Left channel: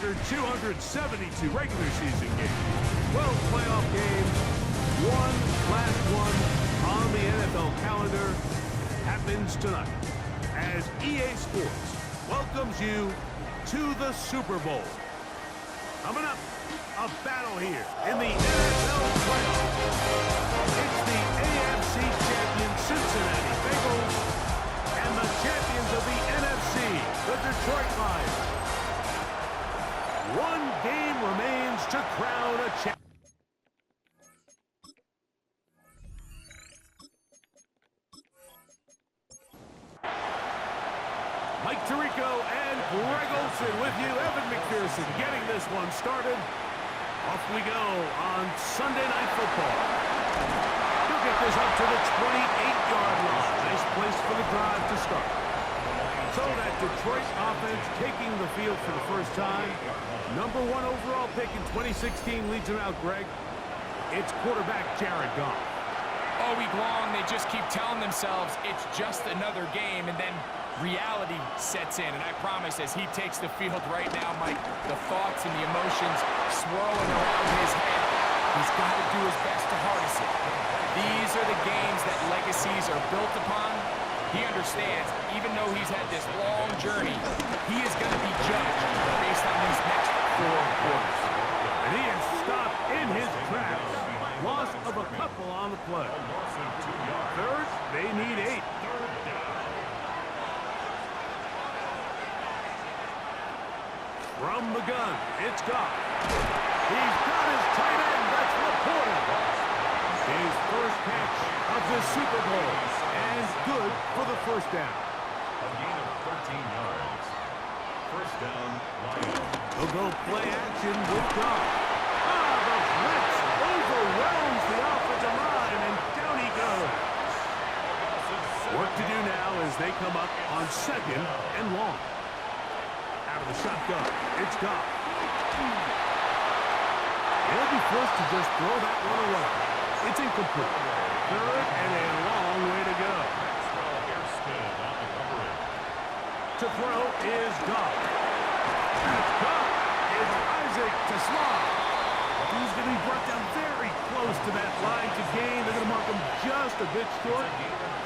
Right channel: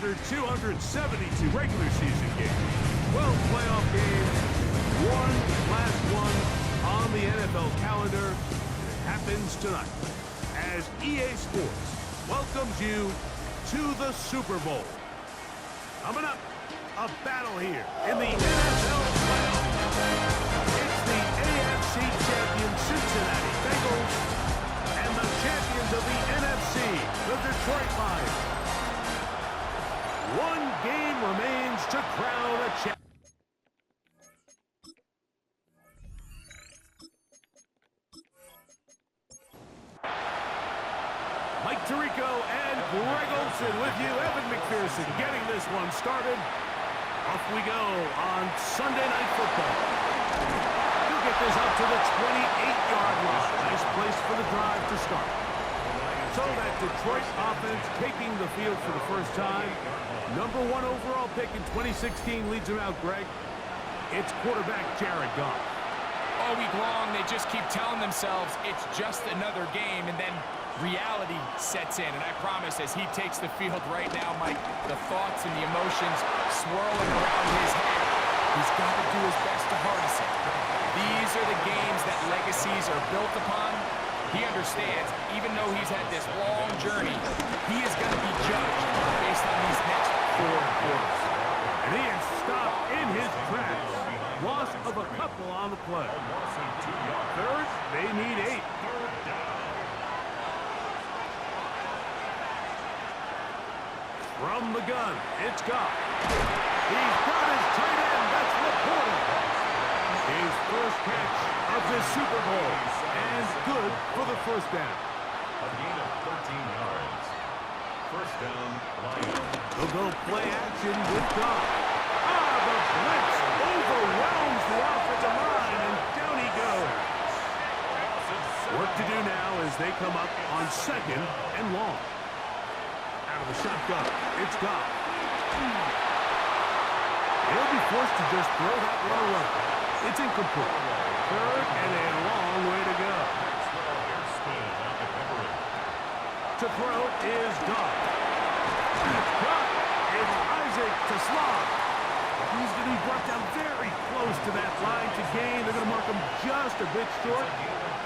after 272 regular season games, 12 playoff games, one last one on the NFL calendar, and it happens tonight as EA Sports welcomes you to the Super Bowl. Coming up, a battle here in the NFL playoffs. It's the AFC champion Cincinnati Bengals and the champions of the NFC, the Detroit Lions. One game remains to crown a champion. Mike Tirico and Greg Olsen with you. Evan McPherson getting this one started. Off we go on Sunday Night Football. He'll get this up to the 28-yard line. Nice place for the drive to start. So that Detroit offense taking the field for the first time. Number 1 overall pick in 2016 leads them out, Greg. It's quarterback Jared Goff. All week long, they just keep telling themselves it's just another game, and then reality sets in. And I promise, as he takes the field right now, Mike, the thoughts and the emotions swirling around his head, he's got to do his best to harness it. These are the games that legacies are built upon. He understands, even though he's had this long journey, he is going to be judged based on these next 4 quarters. And he is stopped in his tracks. Loss of a couple on the play. Third, they need 8. From the gun, it's Goff. He's got his tight end. That's Laporta. His first catch of this Super Bowl. And good for the first down. A gain of 13 yards. First down, Lions. They'll go play action with Goff. The blitz overwhelms the offensive line, and down he goes. Work to do now as they come up on 2nd and long. Out of the shotgun, it's Goff. He'll be forced to just throw that one away. It's incomplete. Third and a long way to go. To throw is Goff. That's Goff. It's Isaac to Slav. He's going to be brought down very close to that line to gain. They're going to mark him just a bit short.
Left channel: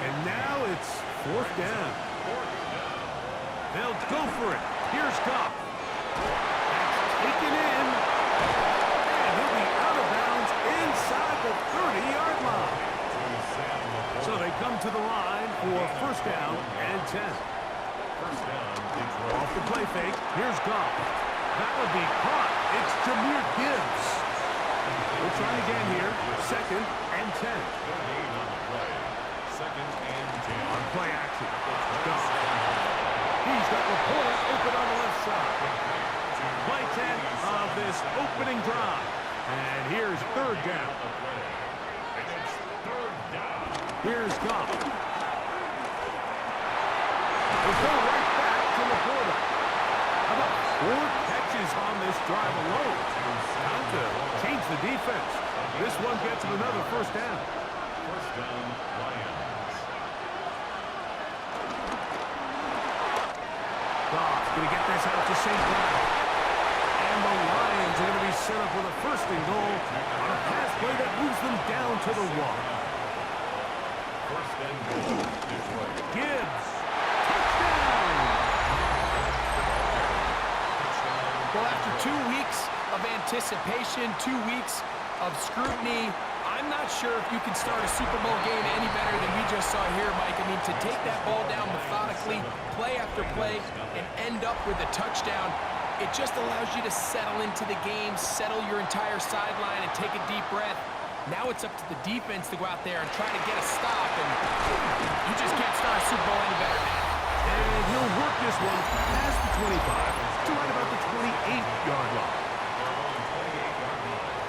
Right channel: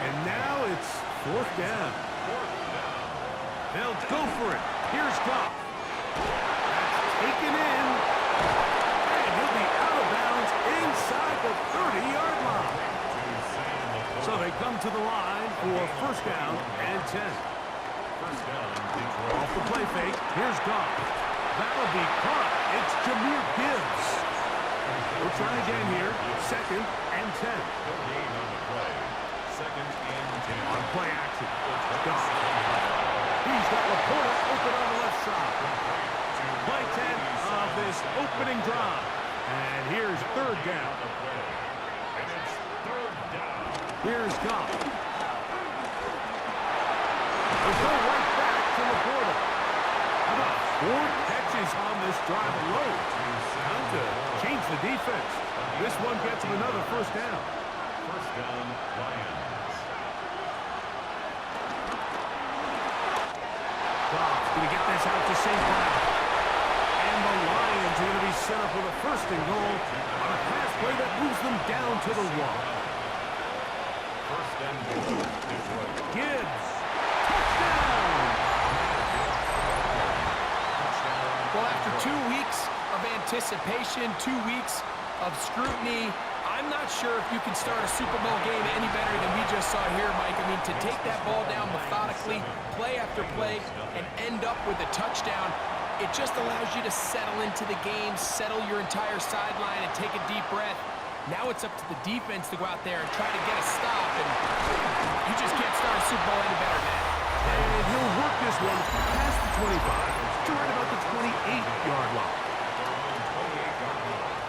And now it's 4th down. They'll go for it. Here's Goff. That's taken in. And he'll be out of bounds inside the 30-yard line. So they come to the line for first down and 10. First down, Detroit. Off the play fake. Here's Goff. That'll be caught. It's Jamar Gibbs. We'll try again here. 2nd and 10. No gain on the play. 2nd and 10. On play action. Goff. He's got Laporta open on the left side. Play 10 of this opening drive. And here's 3rd down. And it's 3rd down. Here's Goff. They'll go right back to Laporta. How about 4 catches on this drive alone? Time to change the defense. This one gets him another first down. First down, Lions. Goff going to get this out to St. Brown. And the Lions are going to be set up with a 1st and goal on a pass play that moves them down to the 1. First and goal, Detroit. Gibbs. Touchdown! Well, after 2 weeks of anticipation, 2 weeks of scrutiny, I'm not sure if you can start a Super Bowl game any better than we just saw here, Mike. I mean, to take that ball down methodically, play after play, and end up with a touchdown, it just allows you to settle into the game, settle your entire sideline, and take a deep breath. Now it's up to the defense to go out there and try to get a stop, and you just can't start a Super Bowl any better than that. And he'll work this one past the 25 to right about the 28-yard line. Their own 28-yard line.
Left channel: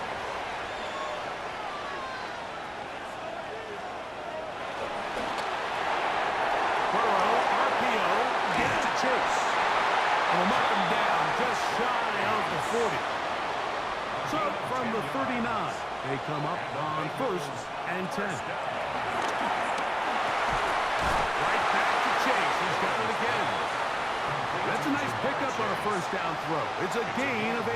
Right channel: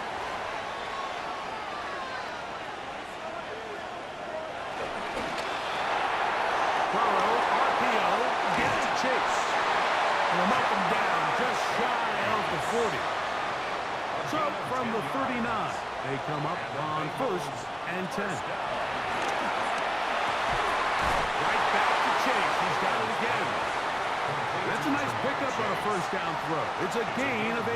Burrow, RPO, gets to Chase. And will mark him down just shy of the 40. So from the 39, they come up on 1st and 10. Right back to Chase. He's got it again. That's a nice pickup on a first down throw. It's a gain of 8.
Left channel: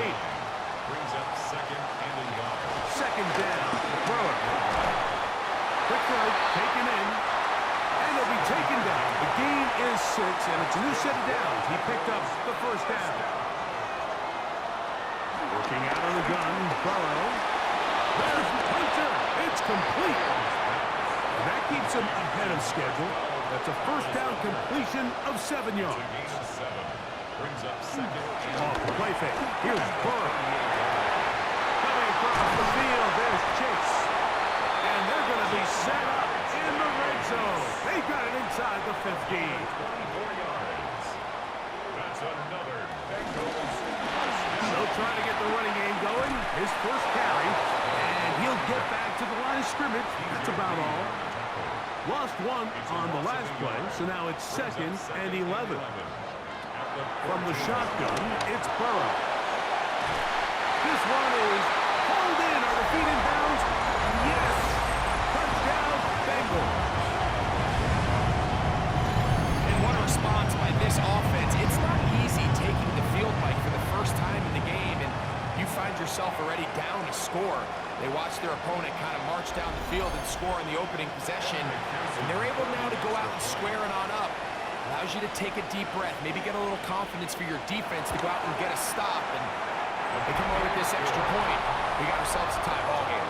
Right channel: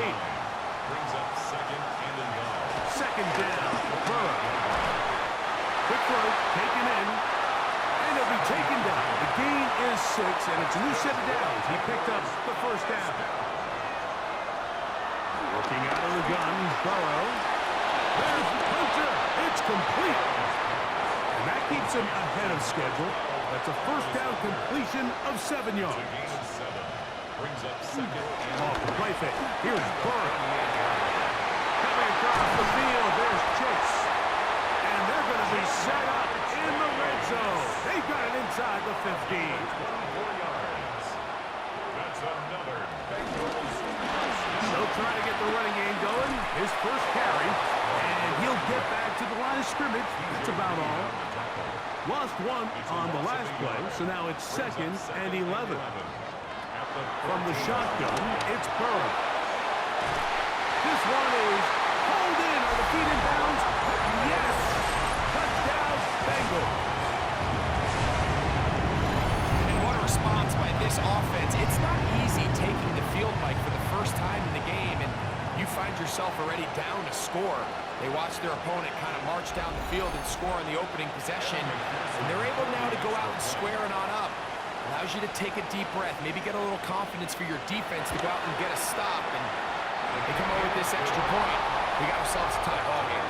Brings up second and a yard. Second down, Burrow. Quick throw, taken in, and it'll be taken down. The gain is 6, and it's a new set of downs. He picked up the first down. Working out of the gun, Burrow. There's Hunter. It's complete. And that keeps him ahead of schedule. That's a first down completion of 7 yards. Gain of 7. Brings up second and Off the play fake. Here's Burrow. Coming across the field, there's Chase. And they're going to be set up in the red zone. They've got it inside the 15. 24 yards. That's another Bengals touchdown. They'll try to get the running game going. His first carry. And he'll get back to the line of scrimmage. That's about all. Lost 1 on the last play, so now it's 2nd and 11. From the shotgun, it's Burrow. This one is hauled in. Are the feet in bounds? Yes! Touchdown, Bengals. And what a response by this offense. It's not easy taking the field, Mike, for the first time in the game, and you find yourself already down a score. They watch their opponent kind of march down the field and score on the opening possession, and they're able now to go out and square it on up. Allows you to take a deep breath, maybe get a little confidence for your defense to go out and get a stop, and they come over with this extra point. We got ourselves a tie ball game.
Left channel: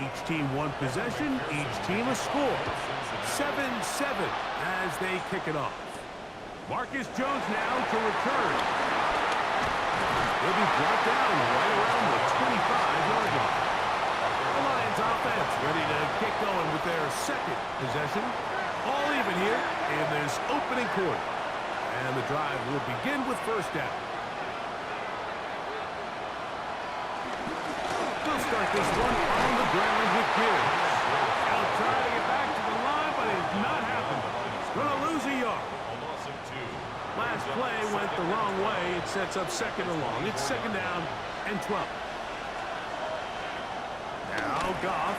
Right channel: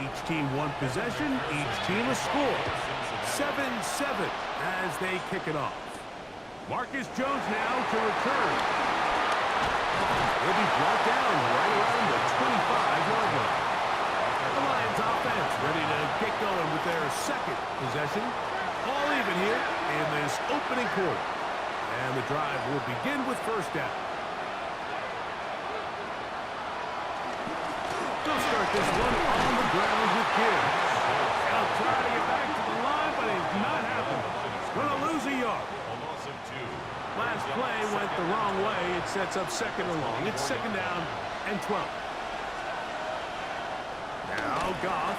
Each team one possession, each team a score. 7-7 as they kick it off. Marcus Jones now to return. He'll be brought down right around the 25-yard line. The Lions offense ready to get going with their second possession. All even here in this opening quarter. And the drive will begin with first down. They'll start this one on the ground with Gibbs. He'll try to get back to the line, but it's not happening. He's going to lose a yard. Last play went the wrong way. It sets up second and long. It's second down and 12. Now Goff.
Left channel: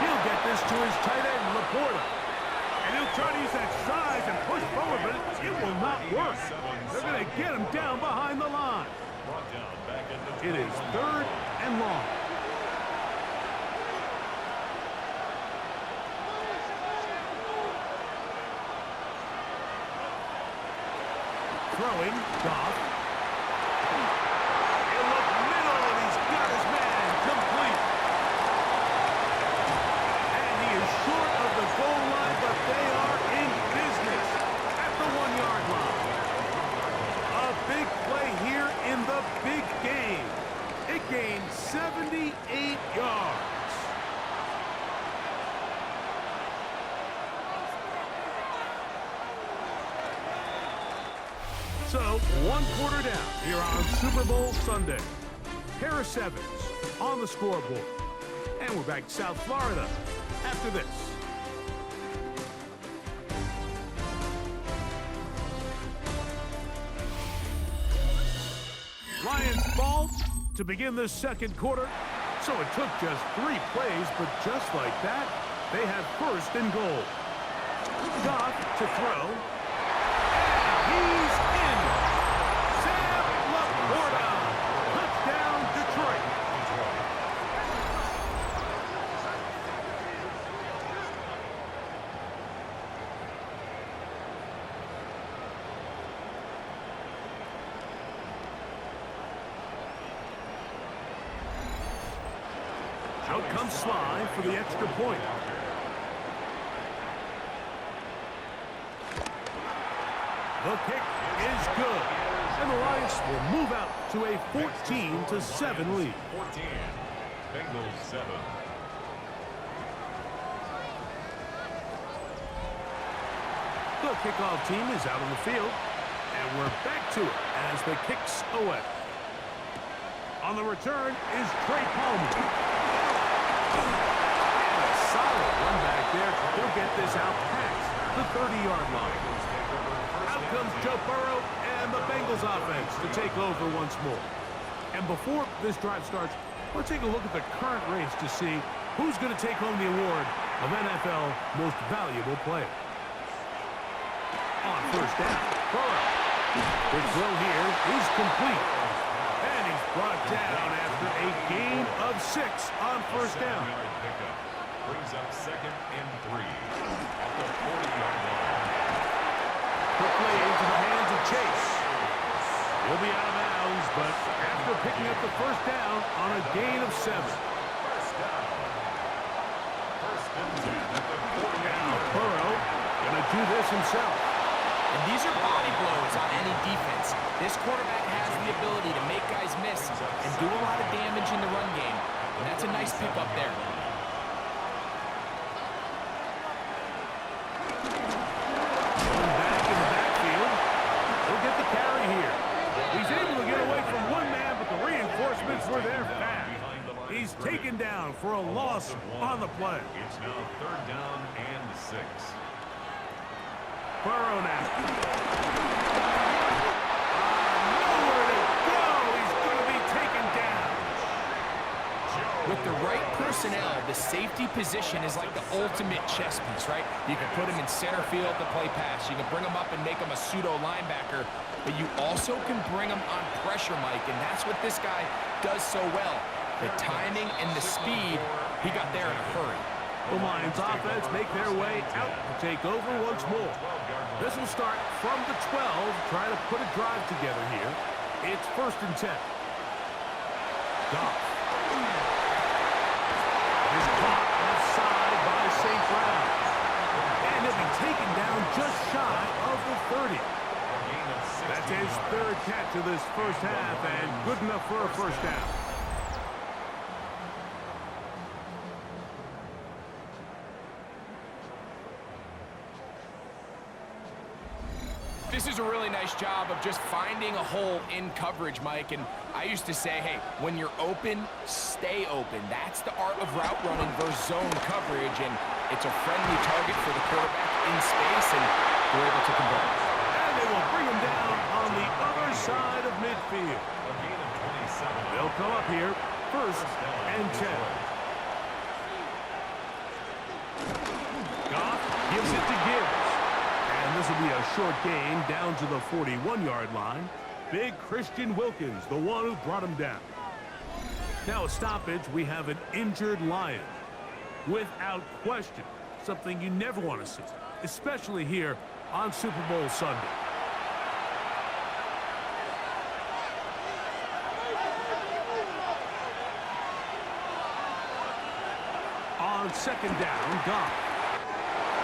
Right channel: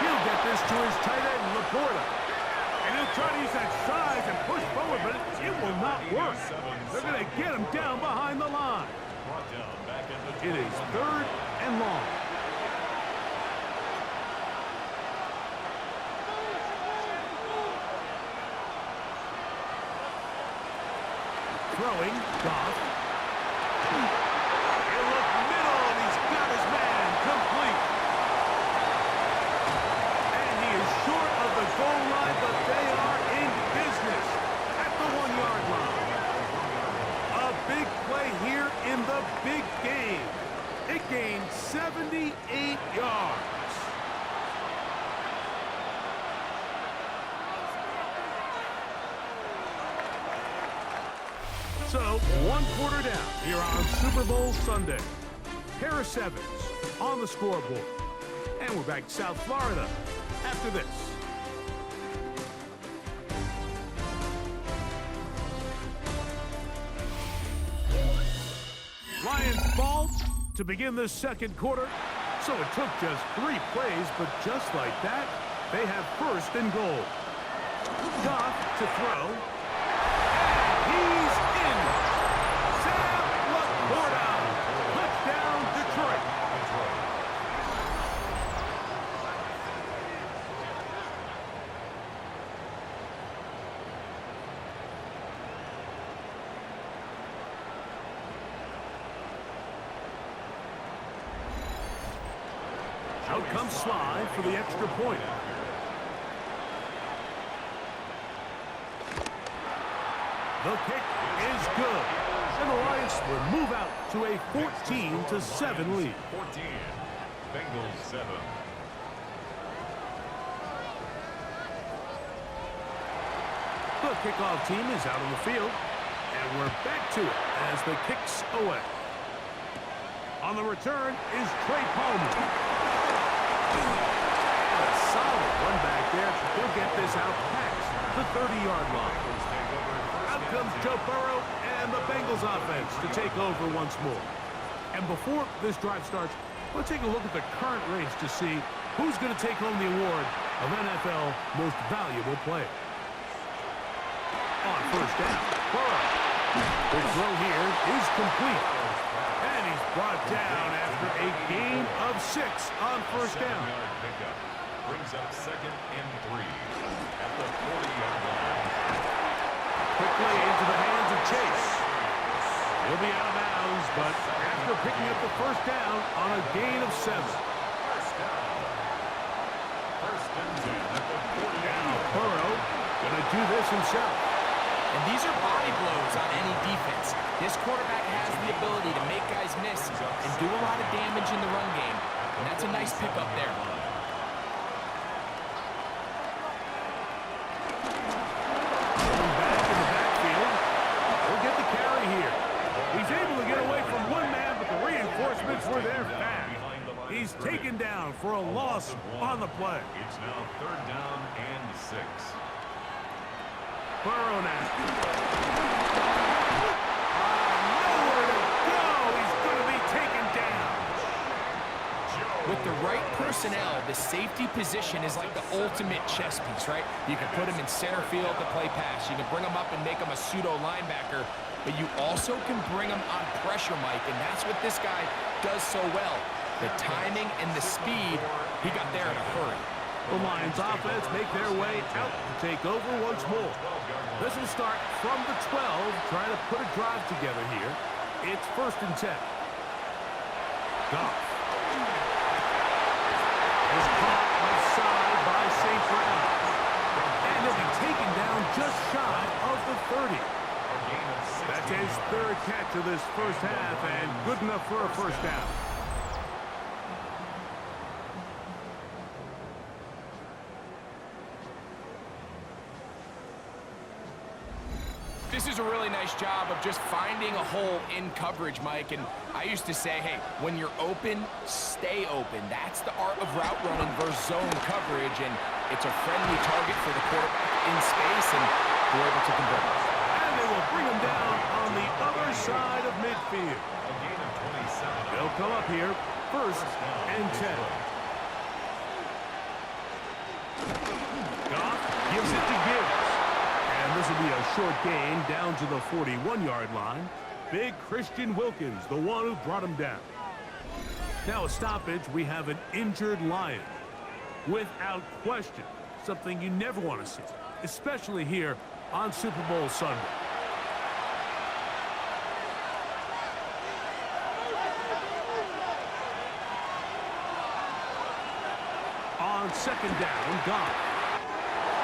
He'll get this to his tight end, Laporta. And he'll try to use that size and push forward, but it will not work. They're going to get him down behind the line. It is third and long. Throwing, Goff. He'll look middle, and he's got his man complete. And he is short of the goal line, but they are in business at the 1-yard line. A big play here in the big game. It gained 78 yards. So, 1 quarter down here on Super Bowl Sunday. Pair of sevens on the scoreboard. And we're back to South Florida after this. Lions ball to begin the second quarter. So it took just 3 plays, but just like that, they have first and goal. Goff to throw. And he's in. Sam Laporta. Touchdown, Detroit. Out comes Sly for the extra point. The kick is good. And the Lions will move out to a 14-7 lead. 14. Bengals 7. The kickoff team is out on the field. And we're back to it as the kick's away. On the return is Trey Palmer. And a solid run back there. He'll get this out past the 30-yard line. Out comes Joe Burrow and the Bengals offense to take over once more. And before this drive starts, let's take a look at the current race to see who's going to take home the award of NFL Most Valuable Player. On first down, Burrow. The throw here is complete. And he's brought down after a gain of 6 on first down. Pickup brings up 2nd and 3 at the 40-yard line. Quickly into the hands of Chase. He'll be out of bounds, but after picking up the first down on a gain of 7. First down. First and 10 at the 40-yard Now line. Burrow gonna do this himself. And these are body blows on any defense. This quarterback has the ability to make guys miss and do a lot of damage in the run game. And that's a nice pickup there. Going back in the backfield. He'll get the carry here. He's able to get away from one man, but the reinforcements were there fast. He's taken down for a loss on the play. It's now 3rd down and 6. Burrow now. Nowhere to go. He's going to be taken down. With the right personnel, the safety position is like the ultimate chess piece, right? You can put him in center field to play pass. You can bring him up and make him a pseudo linebacker, but you also can bring him on pressure, Mike, and that's what this guy does so well. The timing and the speed, he got there in a hurry. The Lions offense make their way out to take over once more. This will start from the 12, trying to put a drive together here. It's 1st and 10. Goff. Is caught left side by St. Brown. And he'll be taken down just shy of the 30. That's his 3rd catch of this first half, and good enough for a first down. This is a really nice job of just finding a hole in coverage, Mike. And I used to say, hey, when you're open, stay open. That's the art of route running versus zone coverage. And it's a friendly target for the quarterback in space, and they're able to convert. And they will bring him down on the other side of midfield. A gain of 27. They'll come up here, 1st and 10. Goff gives it to Gibbs. And this will be a short gain down to the 41-yard line. Big Christian Wilkins, the one who brought him down. Now a stoppage, we have an injured Lion. Without question, something you never want to see, especially here on Super Bowl Sunday. On 2nd down, Goff.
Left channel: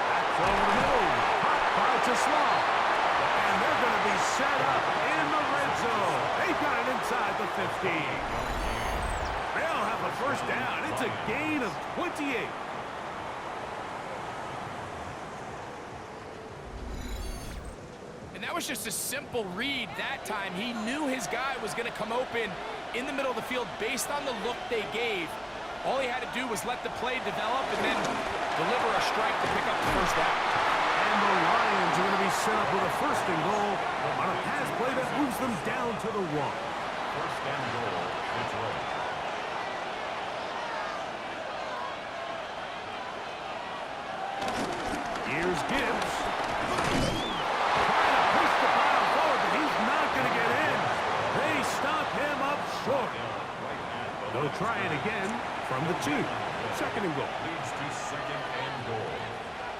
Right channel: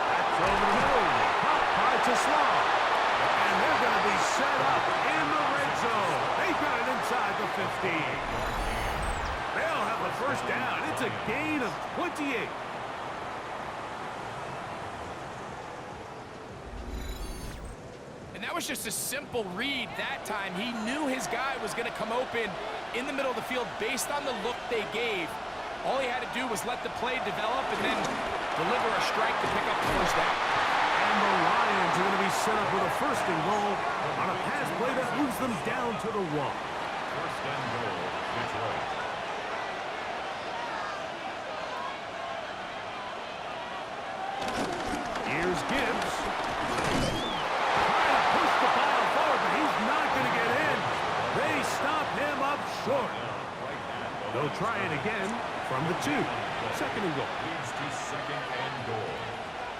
That's over the middle. By Tesla. And they're going to be set up in the red zone. They've got it inside the 15. They'll have a first down. It's a gain of 28. And that was just a simple read that time. He knew his guy was going to come open in the middle of the field based on the look they gave. All he had to do was let the play develop and then deliver a strike to pick up the first down. And the Lions are going to be set up with a 1st and goal on a pass play that moves them down to the 1. 1st and goal, Detroit. Here's Gibbs. Trying to push the pile forward, but he's not going to get in. They stop him up short. They'll try it again from the 2. 2nd and goal. Leads to 2nd and goal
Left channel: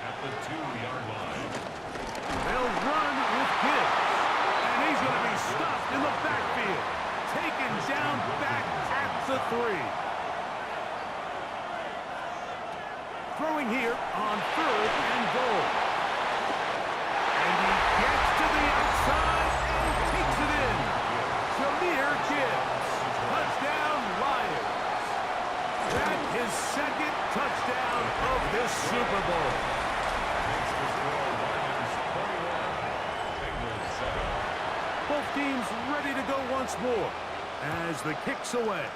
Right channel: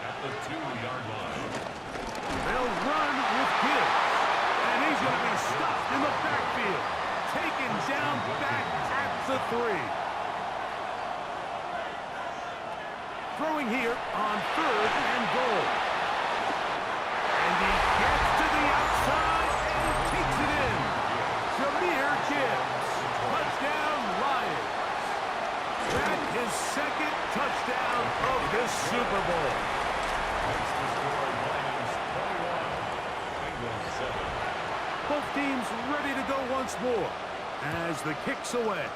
at the 2-yard line. They'll run with Gibbs. And he's going to be stopped in the backfield. Taken down back at the 3. Throwing here on 3rd and goal. And he gets to the outside and takes it in. Jamar Gibbs. Touchdown, Lions. That's his 2nd touchdown of this Super Bowl. Makes the score Lions 21, Bengals 7. Both teams ready to go once more as the kick's away.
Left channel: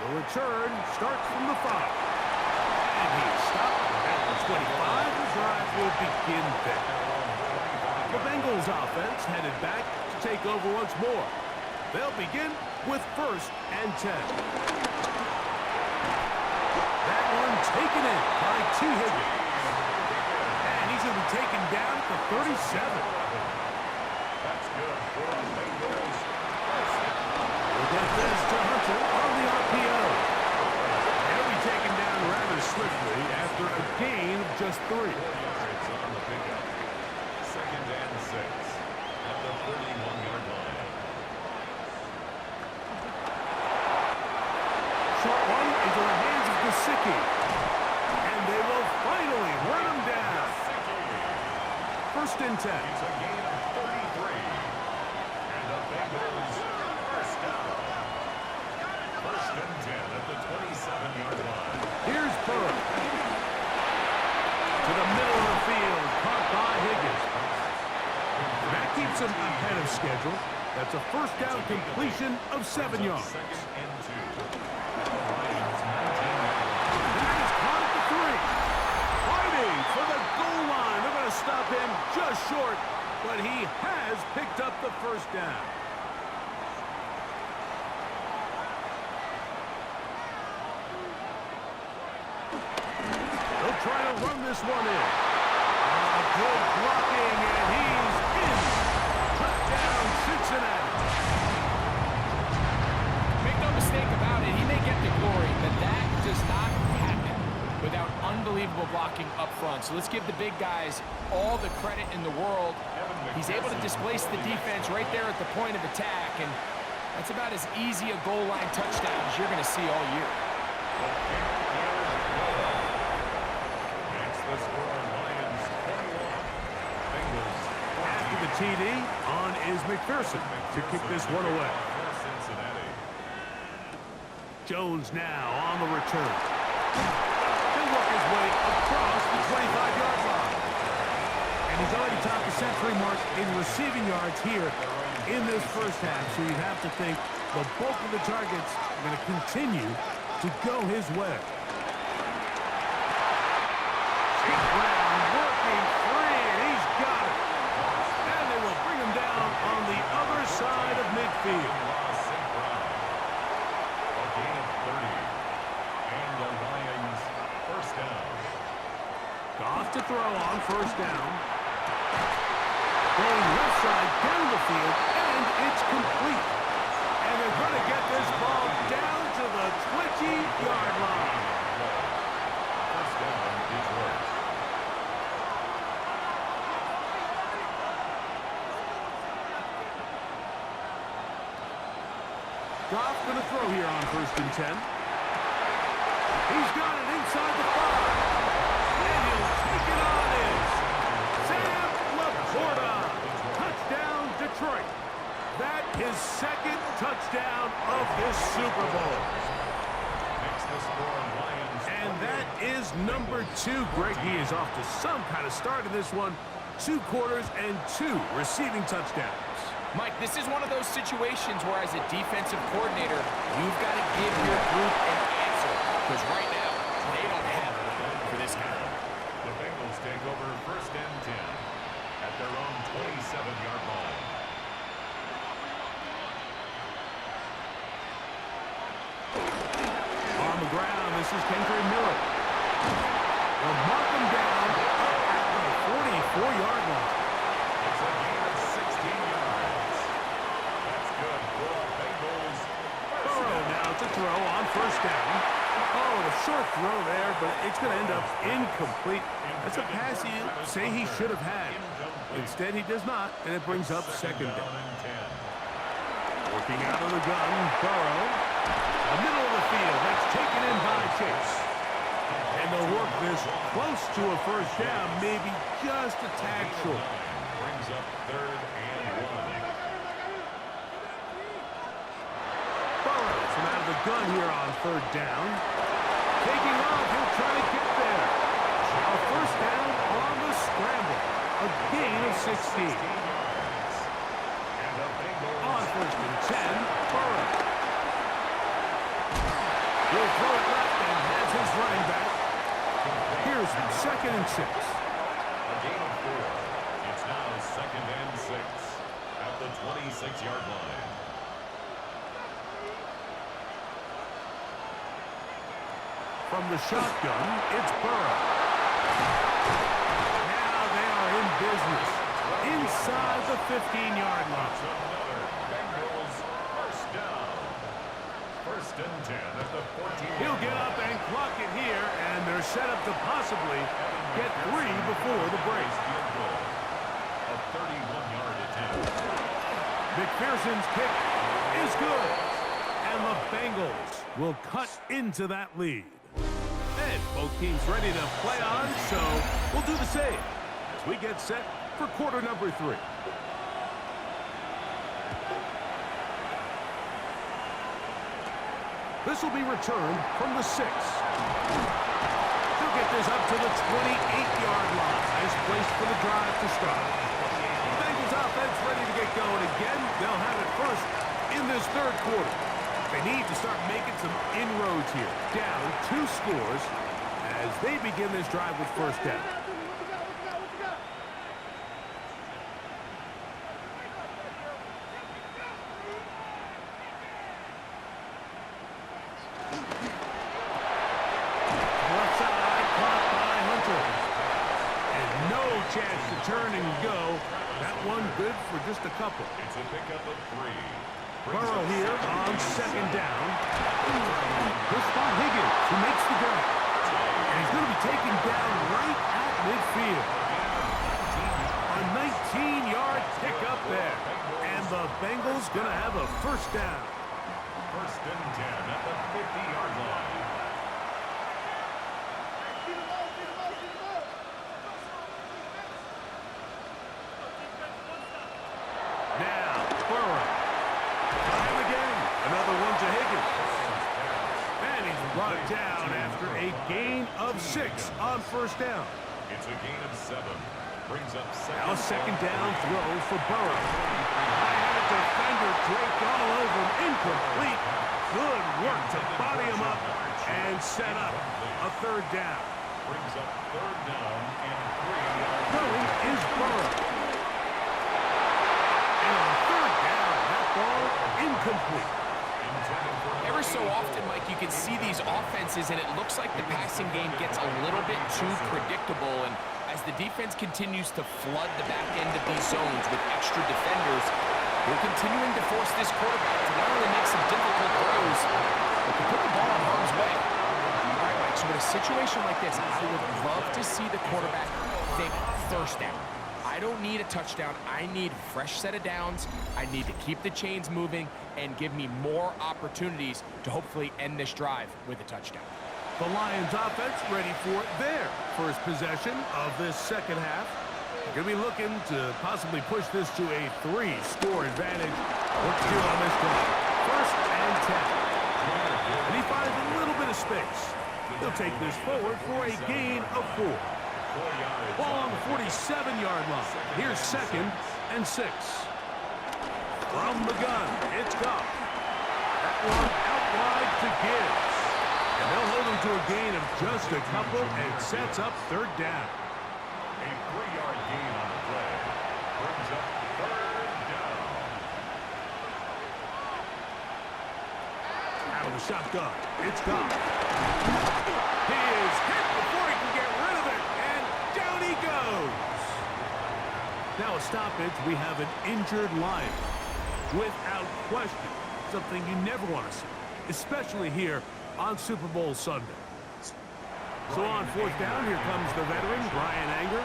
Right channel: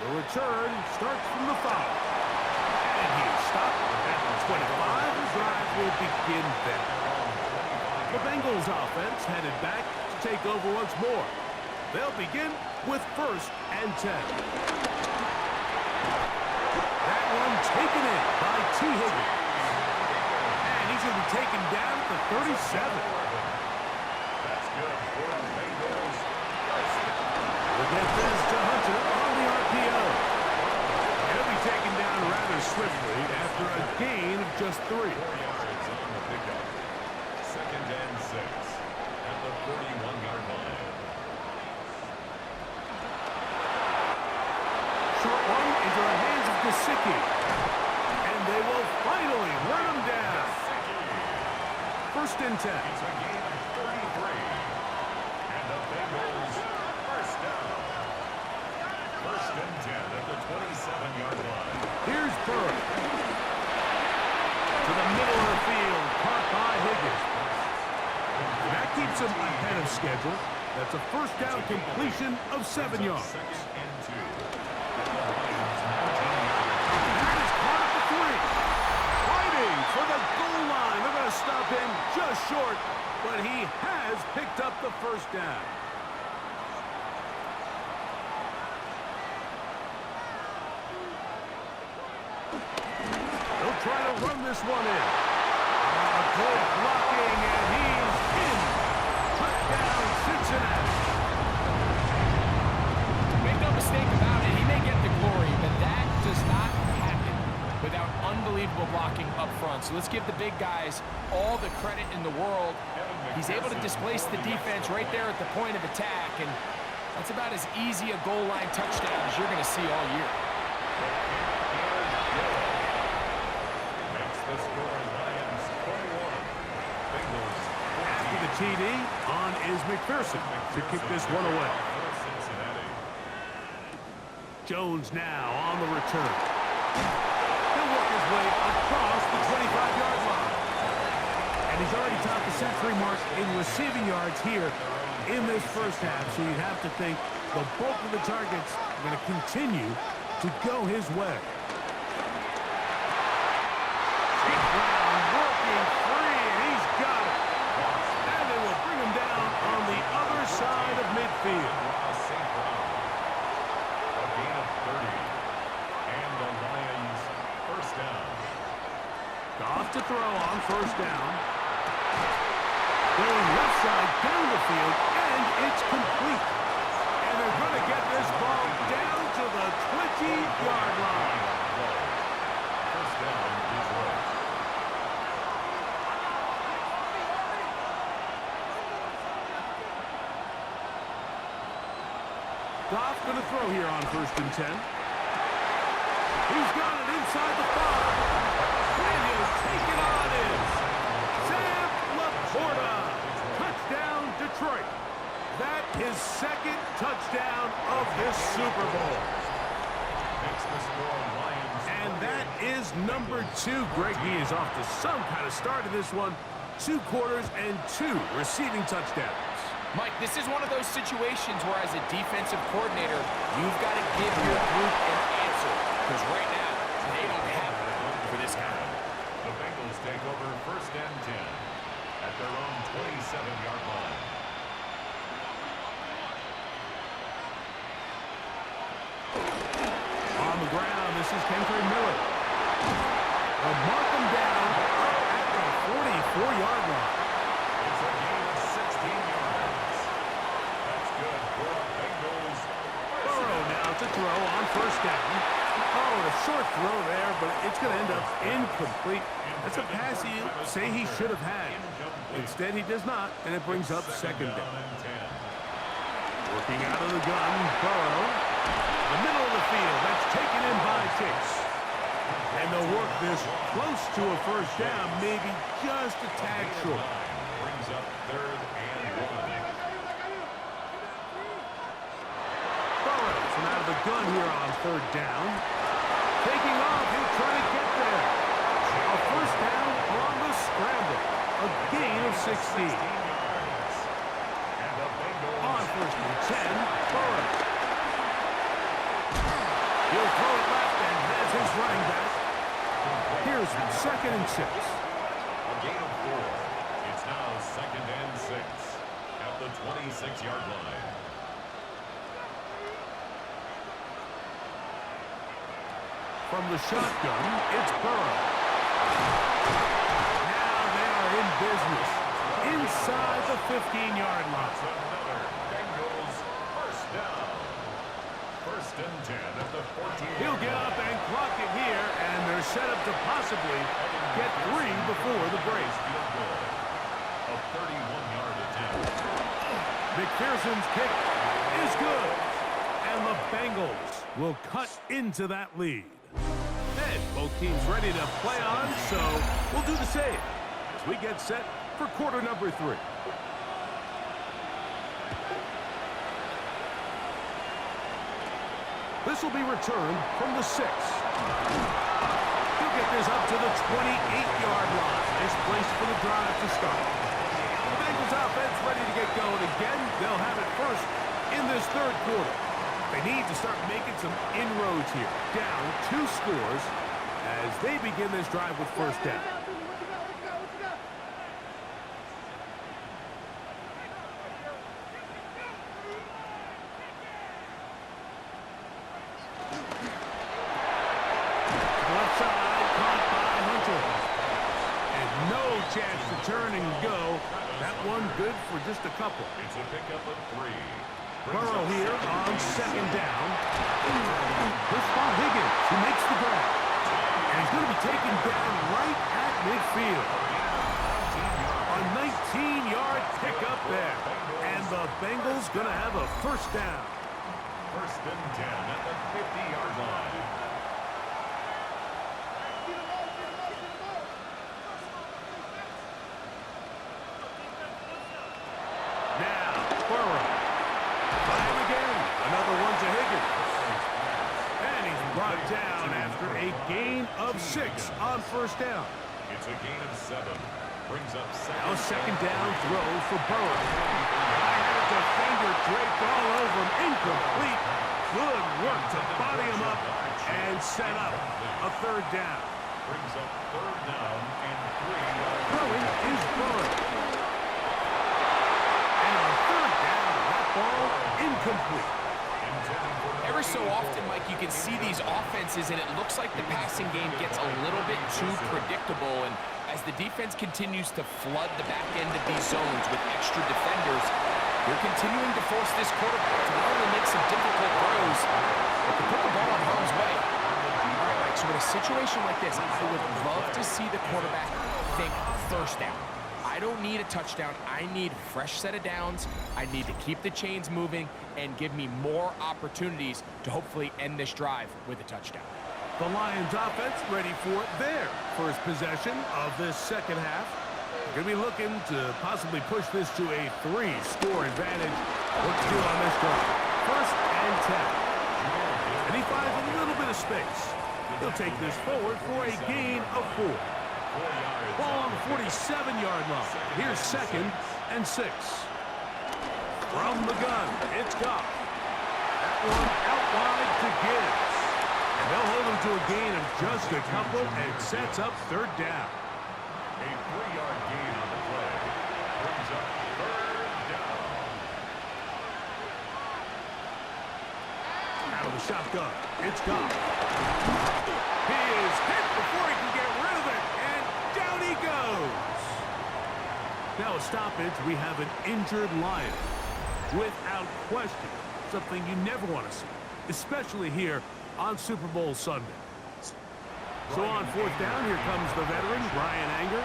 The return starts from the 5. And he is stopped at the 25. The drive will begin then. The Bengals offense headed back to take over once more. They'll begin with 1st and 10. one taken in by T. Higgins. And he's going to be taken down at the 37. That's good for the Bengals. We'll get this to Hunter on the RPO. He'll be taken down rather swiftly after a gain of just 3. 4 yards on the pickup. 2nd and 6 at the 31-yard line. Short one into the hands of Gesicki. And they will finally run him down. 1st and 10. It's a gain of 33. And the Bengals first down. 1st and 10 at the 27-yard line. Here's Burrow. To the middle of the field, caught by Higgins. That keeps him ahead of schedule. That's a first down completion of 7 yards. 2nd and 2 at the Lions' 19-yard line. That is caught at the 3. Fighting for the goal line. They're going to stop him just short, but he has picked up the first down. They'll try to run this one in. Good blocking, and he's in. Touchdown, Cincinnati. Make no mistake about it, he may get the glory, but that does not happen without unbelievable blocking up front. So let's give the big guys all the credit in the world. He's able to displace the defense right there at the point of attack, and that's about as easy a goal line touchdown as you're going to see all year. The kick is good. Makes the score Lions 21. Bengals 14. After the TD, on is McPherson to kick this one away. For Cincinnati. Jones now on the return. He'll work his way across the 25-yard line. And he's already topped the century mark in receiving yards here in this first half, so you'd have to think the bulk of the targets are going to continue to go his way. St. Brown working free, and he's got it. And they will bring him down on the other side of midfield. St. Brown. A gain of 30. And the Lions first down. Goff to throw on first down. Going left side down the field, and it's complete. And they're going to get this ball down to the 20-yard line. First down, Detroit. Goff going to throw here on 1st and 10. He's got it inside the 5. And he'll take it on in. Sam Laporta. Touchdown, Detroit. That is 2nd touchdown of this Super Bowl. Makes the score Lions. And that is number 2. Greg, he is off to some kind of start in this one. 2 quarters and 2 receiving touchdowns. Mike, this is one of those situations where as a defensive coordinator, you've got to give your group an answer. Because right now, they don't have it for this guy. The Bengals take over 1st and 10 at their own 27-yard line. On the ground, this is Kendry Miller. They'll mark him down up at the 44-yard line. It's a gain of 16 yards. That's good for the Bengals. Burrow now to throw on 1st down. Oh, and a short throw there, but it's going to end up incomplete. That's a pass he say he should have had. Instead, he does not, and it brings up 2nd down. Working out of the gun, Burrow. The middle of the field, that's taken in by Chase. And they'll work this close to a first down, maybe just a tad short. Brings up 3rd and 1. Burrow from out of the gun here on 3rd down. Taking off, he'll try to get there. A first down on the scramble. A gain of 16. And the Bengals On 1st and 10, Burrow. He'll throw it left and has his running back. Here's 2nd and 6. a gain of 4. It's now 2nd and 6 at the 26-yard line. From the shotgun, it's Burrow. Now they are in business inside the 15-yard line. Another Bengals first down. First and 10 at the 14. He'll get up and clock it here, and they're set up to possibly get 3 before the break. A 31-yard attempt. McPherson's kick is good, and the Bengals will cut into that lead. And both teams ready to play on, so we'll do the same as we get set for quarter number 3. This will be returned from the 6. He'll get this up to the 28-yard line. Nice place for the drive to start. The Bengals offense ready to get going again. They'll have it first in this third quarter. They need to start making some inroads here. Down 2 scores as they begin this drive with first down. Left side, caught by Hunter. And no chance to turn and go. That one good for just a couple. It's a pickup of 3. Burrow here on second down. He'll spot Higgins, who makes the grab. And he's going to be taken down right at midfield. A 19-yard pickup there. And the Bengals going to have a first down. First and 10 at the 50-yard line. Now, Burrow. Try him again. Another one to Higgins. And he's brought down after a gain of 6 on first down. It's a gain of 7. Brings up Now a second down throw for Burrow. I had a defender draped all over him. Incomplete. Good work to body him up and set up a third down. Brings up third down and 3 yards. Throwing is Burrow. And on third down, that ball incomplete. Every so often, Mike, you can see these offenses, and it looks like the passing game gets a little bit too predictable. And as the defense continues to flood the back end of these zones with extra defenders, they're continuing to force this quarterback to not only make some difficult throws, but to put the ball in harm's way. All right, Mike, so in a situation like this, I would love to see the quarterback think first down. I don't need a touchdown. I need a fresh set of downs. I need to keep the chains moving and give me more opportunities to hopefully end this drive with a touchdown. The Lions offense ready for their first possession of this second half. They're going to be looking to possibly push this to a 3-score advantage. What to do on this drive? First and 10. And he finds a little bit of space. He'll take this forward for a gain of 4. Ball on the 47-yard line. Here's second and 6. From the gun, it's Goff. That one out wide to Gibbs. And they'll hold him to a gain of just a couple and sets up third down. A 3-yard gain on the play. Brings up third down. Out of the shotgun, it's Goff. He is hit before he can get rid of it, and down he goes. Now a stoppage, we have an injured Lion. Without question, something you never want to see, especially here on Super Bowl Sunday. So on fourth down, here comes the veteran, Brian Anger.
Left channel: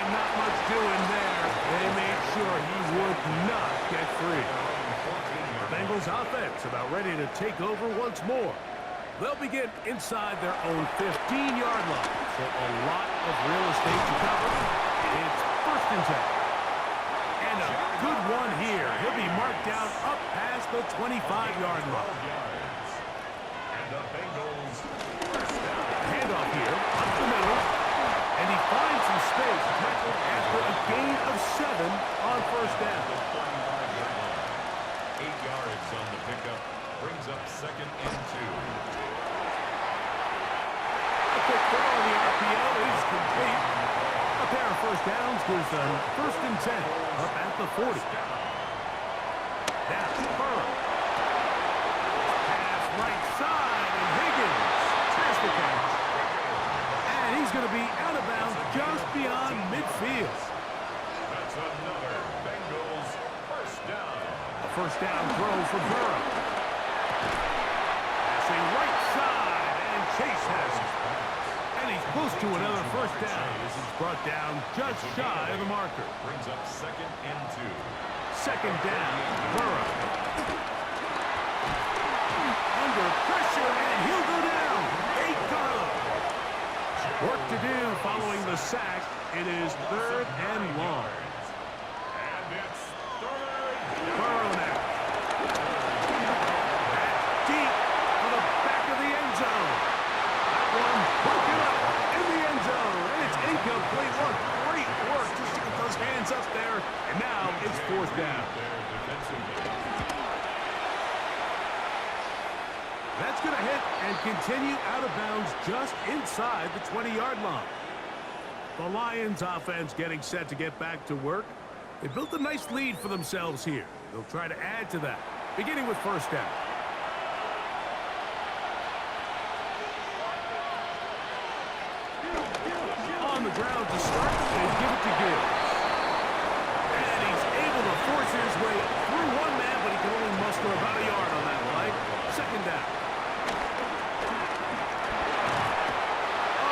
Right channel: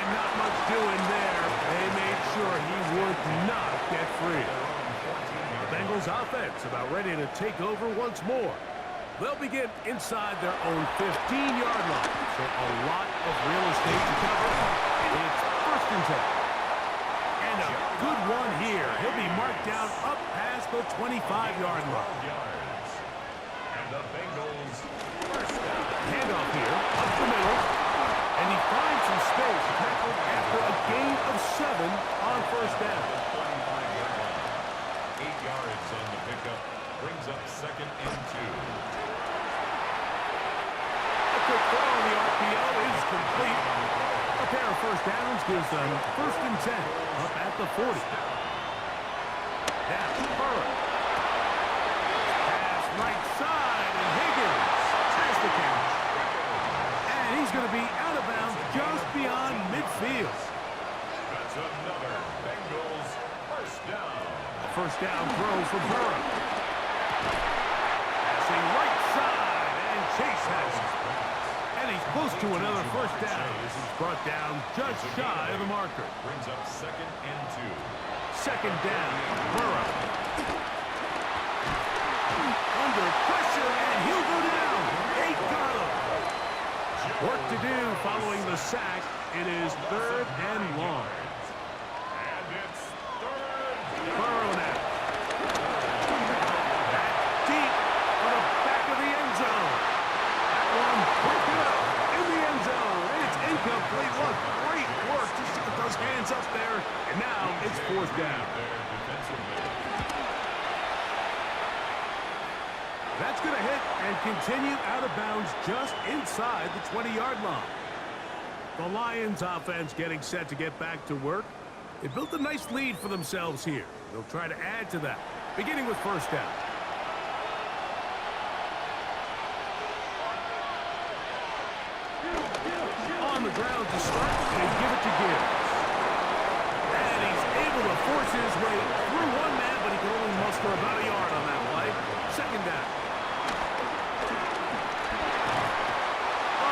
And not much doing there. They made sure he would not get free. The Bengals offense about ready to take over once more. They'll begin inside their own 15-yard line. So a lot of real estate to cover. It's first and 10. And a good one here. He'll be marked down up past the 25-yard line. And the Bengals first down. Handoff here, up the middle. And he finds some space, tackled after a gain of 7 on first down. 35-yard line. 8 yards on the pickup. Brings up second and 2. A quick throw on the RPO is complete. A pair of first downs gives them 1st and 10 up at the 40. Now, Burrow. Pass right side, and Higgins has the catch. And he's going to be out of bounds just beyond midfield. That's another Bengals first down. A first down throw for Burrow. Passing right side, and Chase has it. And he's close to another first down as he's brought down just shy of the marker. Brings up 2nd and 2. 2nd down, Burrow. Under pressure, and he'll go down. Work to do following the sack. It is 3rd and long. And it's 3rd. Burrow now. Back deep for the back of the end zone. That one broken up in the end zone. And it's incomplete. What great work just to get those hands up there. And now it's 4th down. That's going to hit and continue out of bounds just inside the 20-yard line. The Lions offense getting set to get back to work. They built a nice lead for themselves here. They'll try to add to that, beginning with first down. On the ground to start, they give it to Gibbs. And he's able to force his way through one man, but he can only muster about a yard on that play. 2nd down.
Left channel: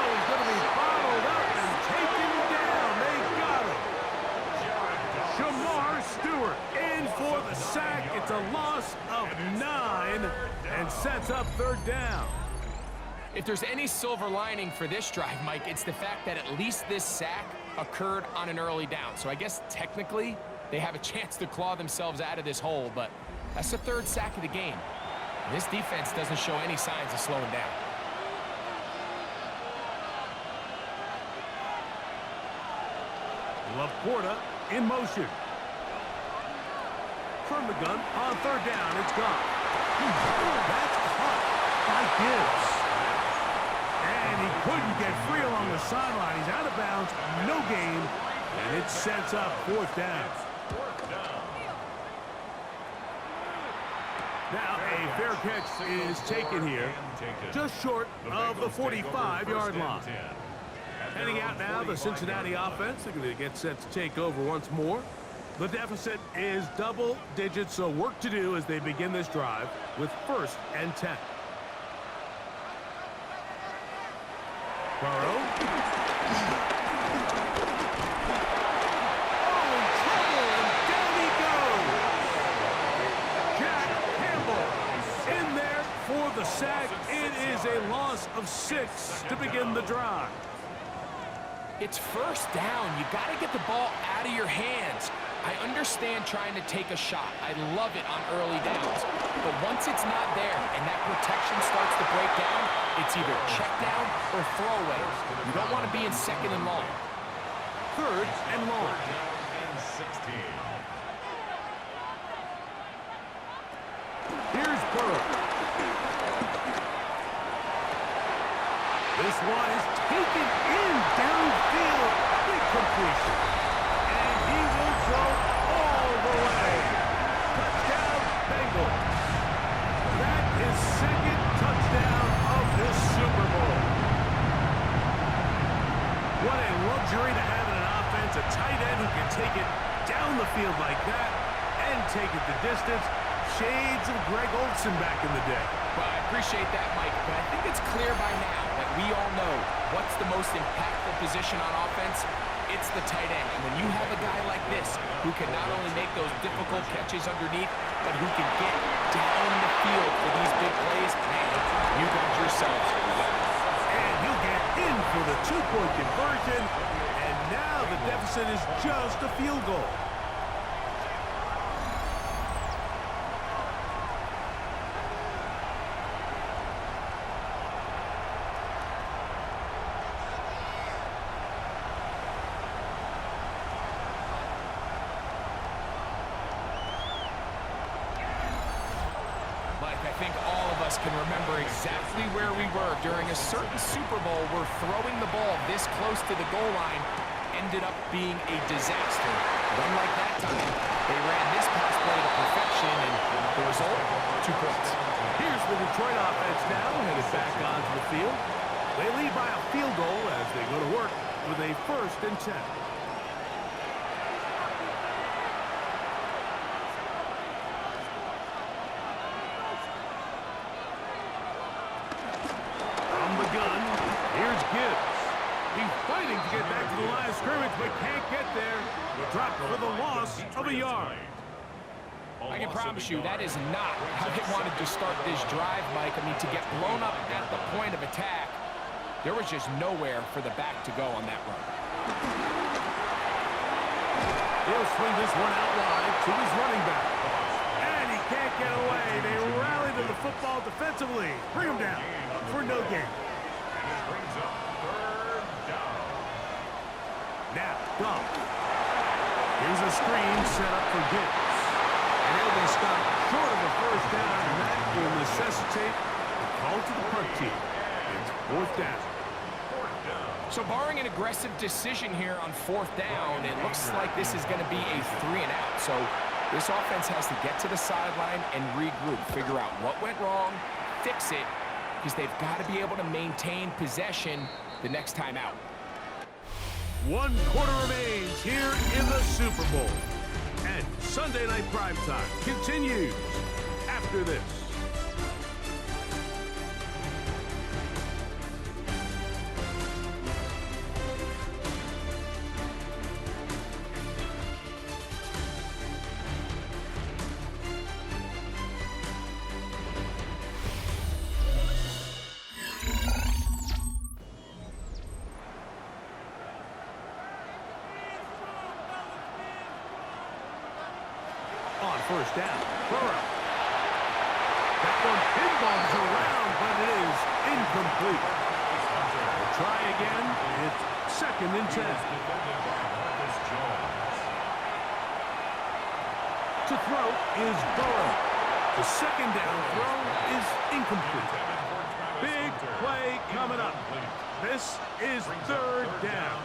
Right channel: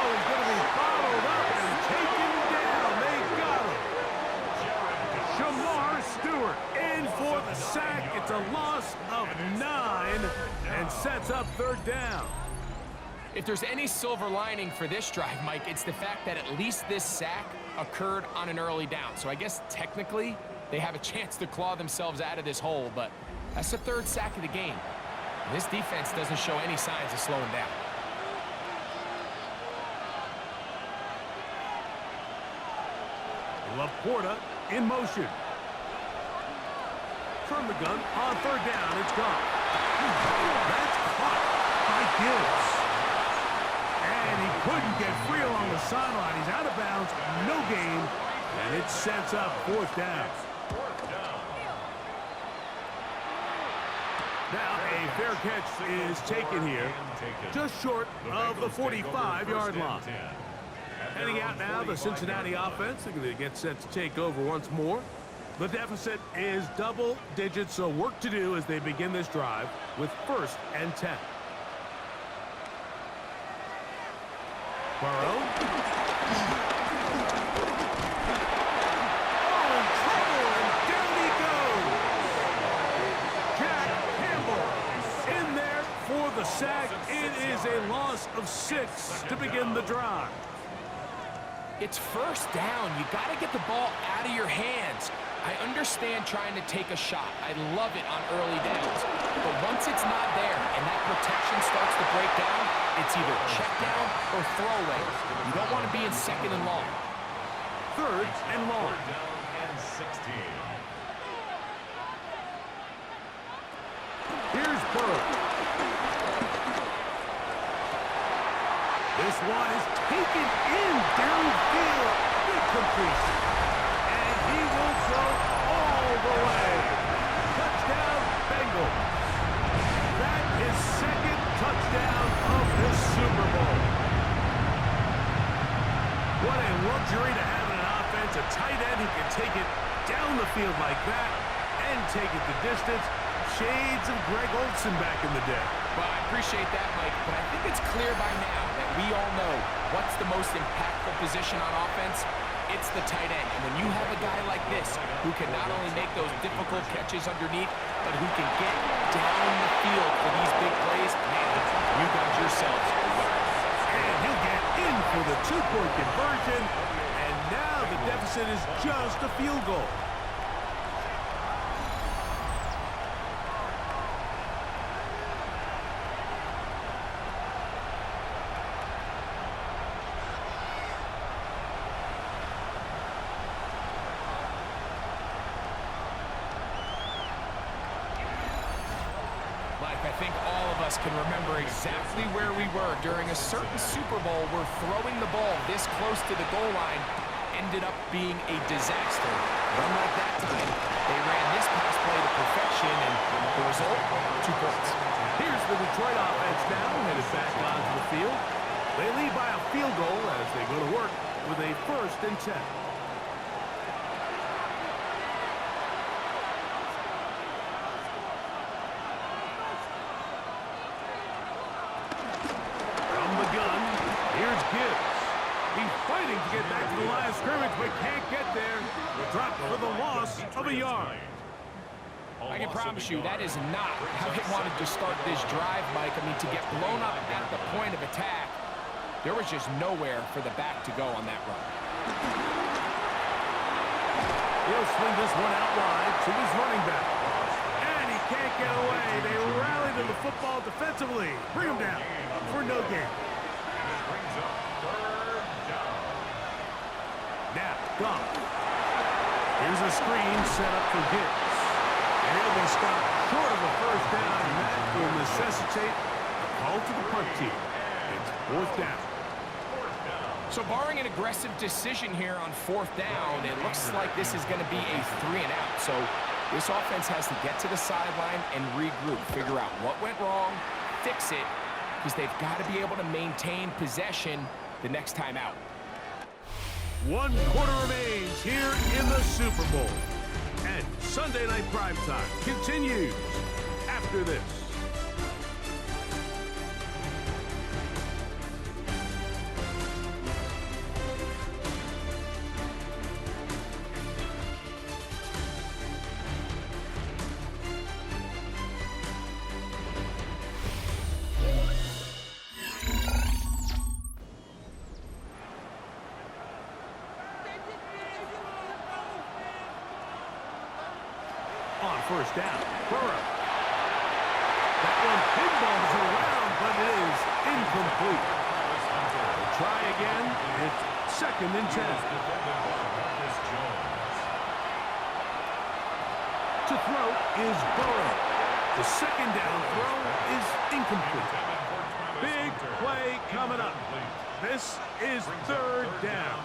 He's going to be bottled up and taken down. They got him. Jamar Stewart in for the sack. It's a loss of 9 and sets up 3rd down. If there's any silver lining for this drive, Mike, it's the fact that at least this sack occurred on an early down. So I guess technically they have a chance to claw themselves out of this hole, but that's the 3rd sack of the game. And this defense doesn't show any signs of slowing down. Laporta in motion. From the gun on 3rd down, it's gone. That's caught by Gibbs. And he couldn't get free along the sideline. He's out of bounds, no gain, and it sets up 4th down. Now a fair catch is taken here, just short of the 45-yard line. Heading out now, the Cincinnati offense. They're going to get set to take over once more. The deficit is double digits, so work to do as they begin this drive with 1st and 10. Burrow. Oh, in trouble, and down he goes. Jack Campbell in there for the sack. It is a loss of 6 to begin the drive. It's 1st down. You got to get the ball out of your hands. I understand trying to take a shot. I love it on early downs. But once it's not there and that protection starts to break down, it's either check down or throwaway. You don't want to be in 2nd and long. 3rd and long. 3rd down and 16. Here's Burrow. This one is taken in downfield. Big completion. And he will go all the way. Touchdown, Bengals. That is 2nd touchdown of this Super Bowl. What a luxury to have in an offense. A tight end who can take it down the field like that and take it the distance. Shades of Greg Olsen back in the day. Well, I appreciate that, Mike, but I think it's clear by now that we all know what's the most impactful position on offense. It's the tight end. And when you have a guy like this who can not only make those difficult catches underneath, but who can get down the field for these big plays, man, you got yourselves a weapon. And he'll get in for the 2-point conversion. And now the deficit is just a field goal. Mike, I think all of us can remember exactly where we were during a certain Super Bowl where throwing the ball this close to the goal line ended up being a disaster. But unlike that time, they ran this pass play to perfection, and the result, 2 points. Here's the Detroit offense now, headed back onto the field. They lead by a field goal as they go to work with a 1st and 10. From the gun, here's Gibbs. He's fighting to get back to the line of scrimmage, but can't get there. Dropped for the loss of a yard. I can promise you that is not how they wanted to start this drive, Mike. I mean, to get blown up at the point of attack, there was just nowhere for the back to go on that run. He'll swing this one out wide to his running back. And he can't get away. They rally to the football defensively. Bring him down for no gain. And it brings up 3rd down. Now, Goff. Here's a screen set up for Gibbs. And he'll be stopped short of a 1st down, and that will necessitate a call to the punt team. It's 4th down. So barring an aggressive decision here on 4th down, it looks like this is going to be a 3 and out. So this offense has to get to the sideline and regroup, figure out what went wrong, fix it, because they've got to be able to maintain possession the next time out. 1 quarter remains here in the Super Bowl. And Sunday Night Primetime continues after this. On 1st down, Burrow. That one pinballs around, but it is incomplete. We'll try again. It's 2nd and 10. To throw is Burrow. The 2nd down throw is incomplete. Big play coming up. This is 3rd down.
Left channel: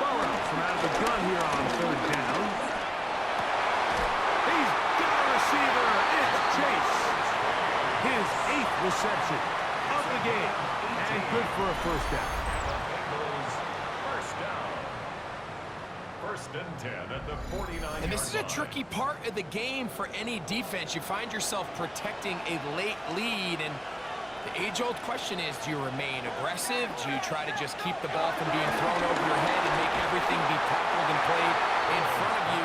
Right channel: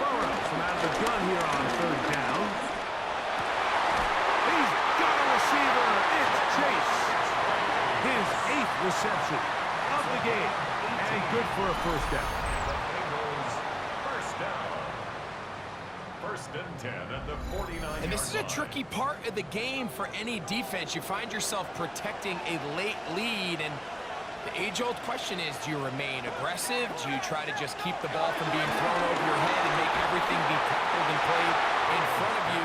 Burrow from out of the gun here on 3rd down. He's got a receiver. It's Chase. His 8th reception of the game. And good for a 1st down. The Bengals 1st down. 1st and 10 at the 49-yard And this is a line. tricky part of the game for any defense. You find yourself protecting a late lead, and the age-old question is, do you remain aggressive? Do you try to just keep the ball from being thrown over your head and make everything be tackled and played in front of you?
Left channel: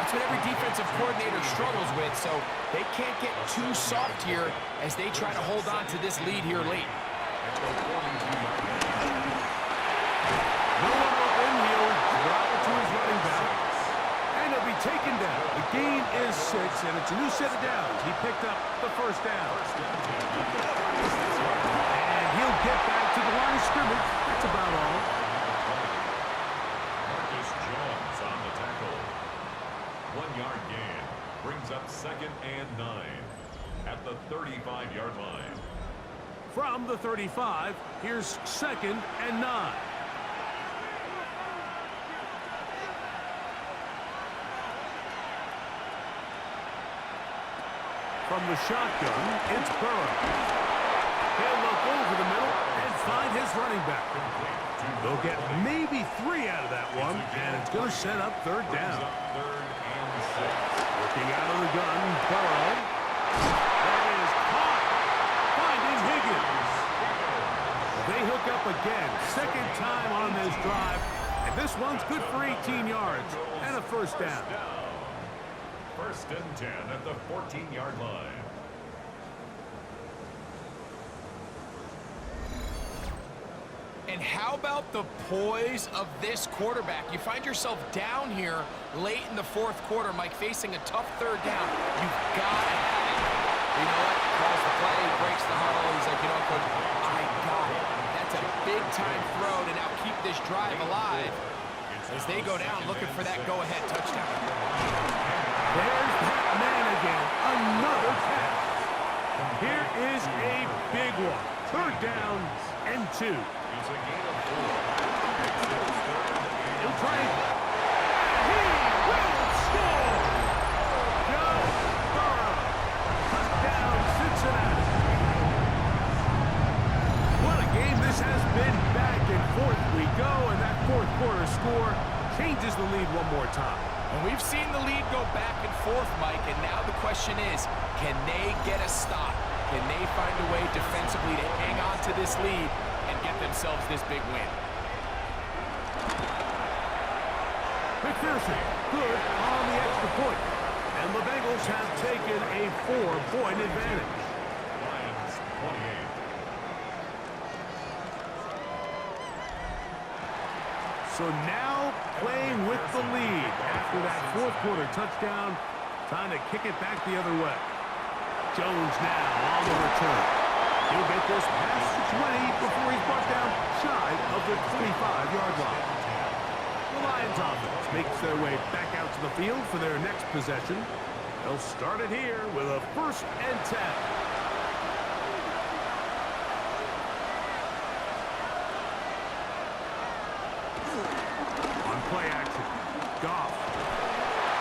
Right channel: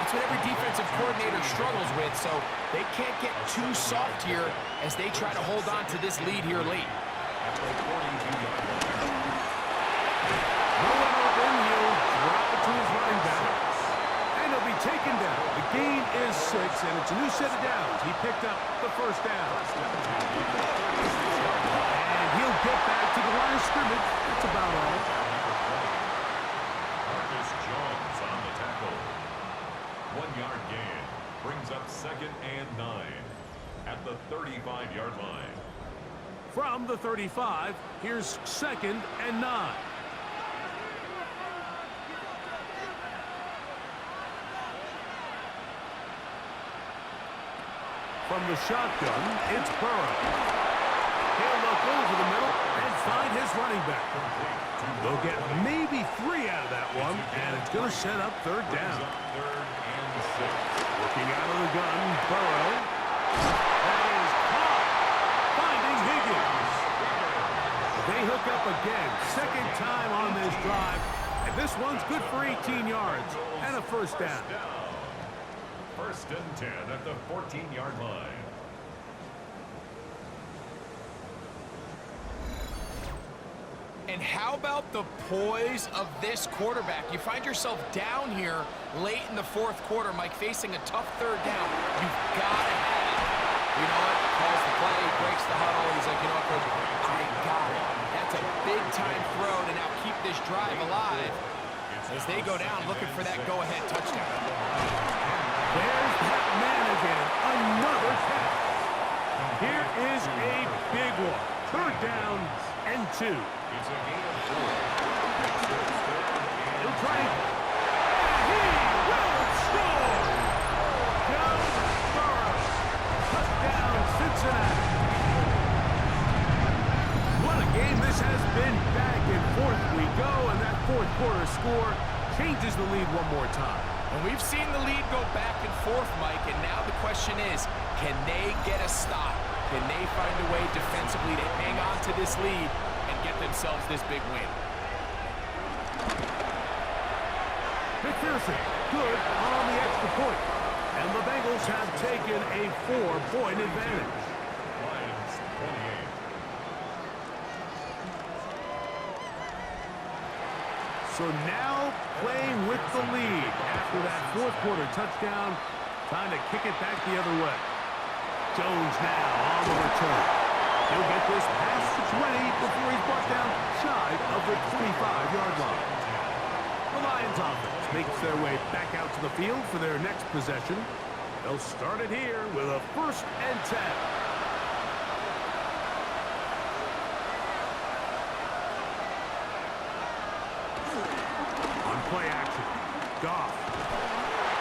That's what every defensive coordinator struggles with, so they can't get too soft here as they try to hold on to this lead here late. At the 42-yard line. No one open. He'll drop it to his running back. And he'll be taken down. The gain is 6, and it's a new set of downs. He picked up the 1st down. And he'll get back to the line of scrimmage. That's about all. Marcus Jones on the tackle. 1-yard gain brings up 2nd and 9 at the 35-yard line. From the 35, here's 2nd and 9. From the shotgun, it's Burrow. He'll look over the middle and find his running back. They'll get maybe 3 out of that one, and it's going to set up 3rd down. 3rd and 6. Working out of the gun, Burrow. That is caught. Finding Higgins. They hook up again. 2nd time on this drive. And this one's good for 18 yards and a 1st down. 1st and 10 at the 14-yard line. And how about the poise of this quarterback? You find yourself down here late in the 4th quarter, Mike, facing a tough 3rd down. You've got to have it. You know what? Calls the play, breaks the huddle. He's like, you know what, Coach? I got it. That's a big-time throw to now keep this drive alive. as they go down looking for that go-ahead touchdown. There's that man again. Another catch. Here is a big one. Third down and 2. It's a gain of 4. He'll try it. And he will score. Joe Burrow. Touchdown, Cincinnati. What a game this has been. Back and forth we go, and that fourth quarter score changes the lead one more time. And we've seen the lead go back and forth, Mike, and now the question is, can they get a stop? Can they find a way defensively to hang on to this lead and get themselves this big win? McPherson, good on the extra point. And the Bengals have taken a 4-point advantage. Lions 28. So now playing with the lead after that fourth quarter touchdown. Time to kick it back the other way. Jones now on the return. He'll get this past the 20 before he's brought down shy of the 25-yard line. The Lions offense makes their way back out to the field for their next possession. They'll start it here with a 1st and 10. On play action, Goff.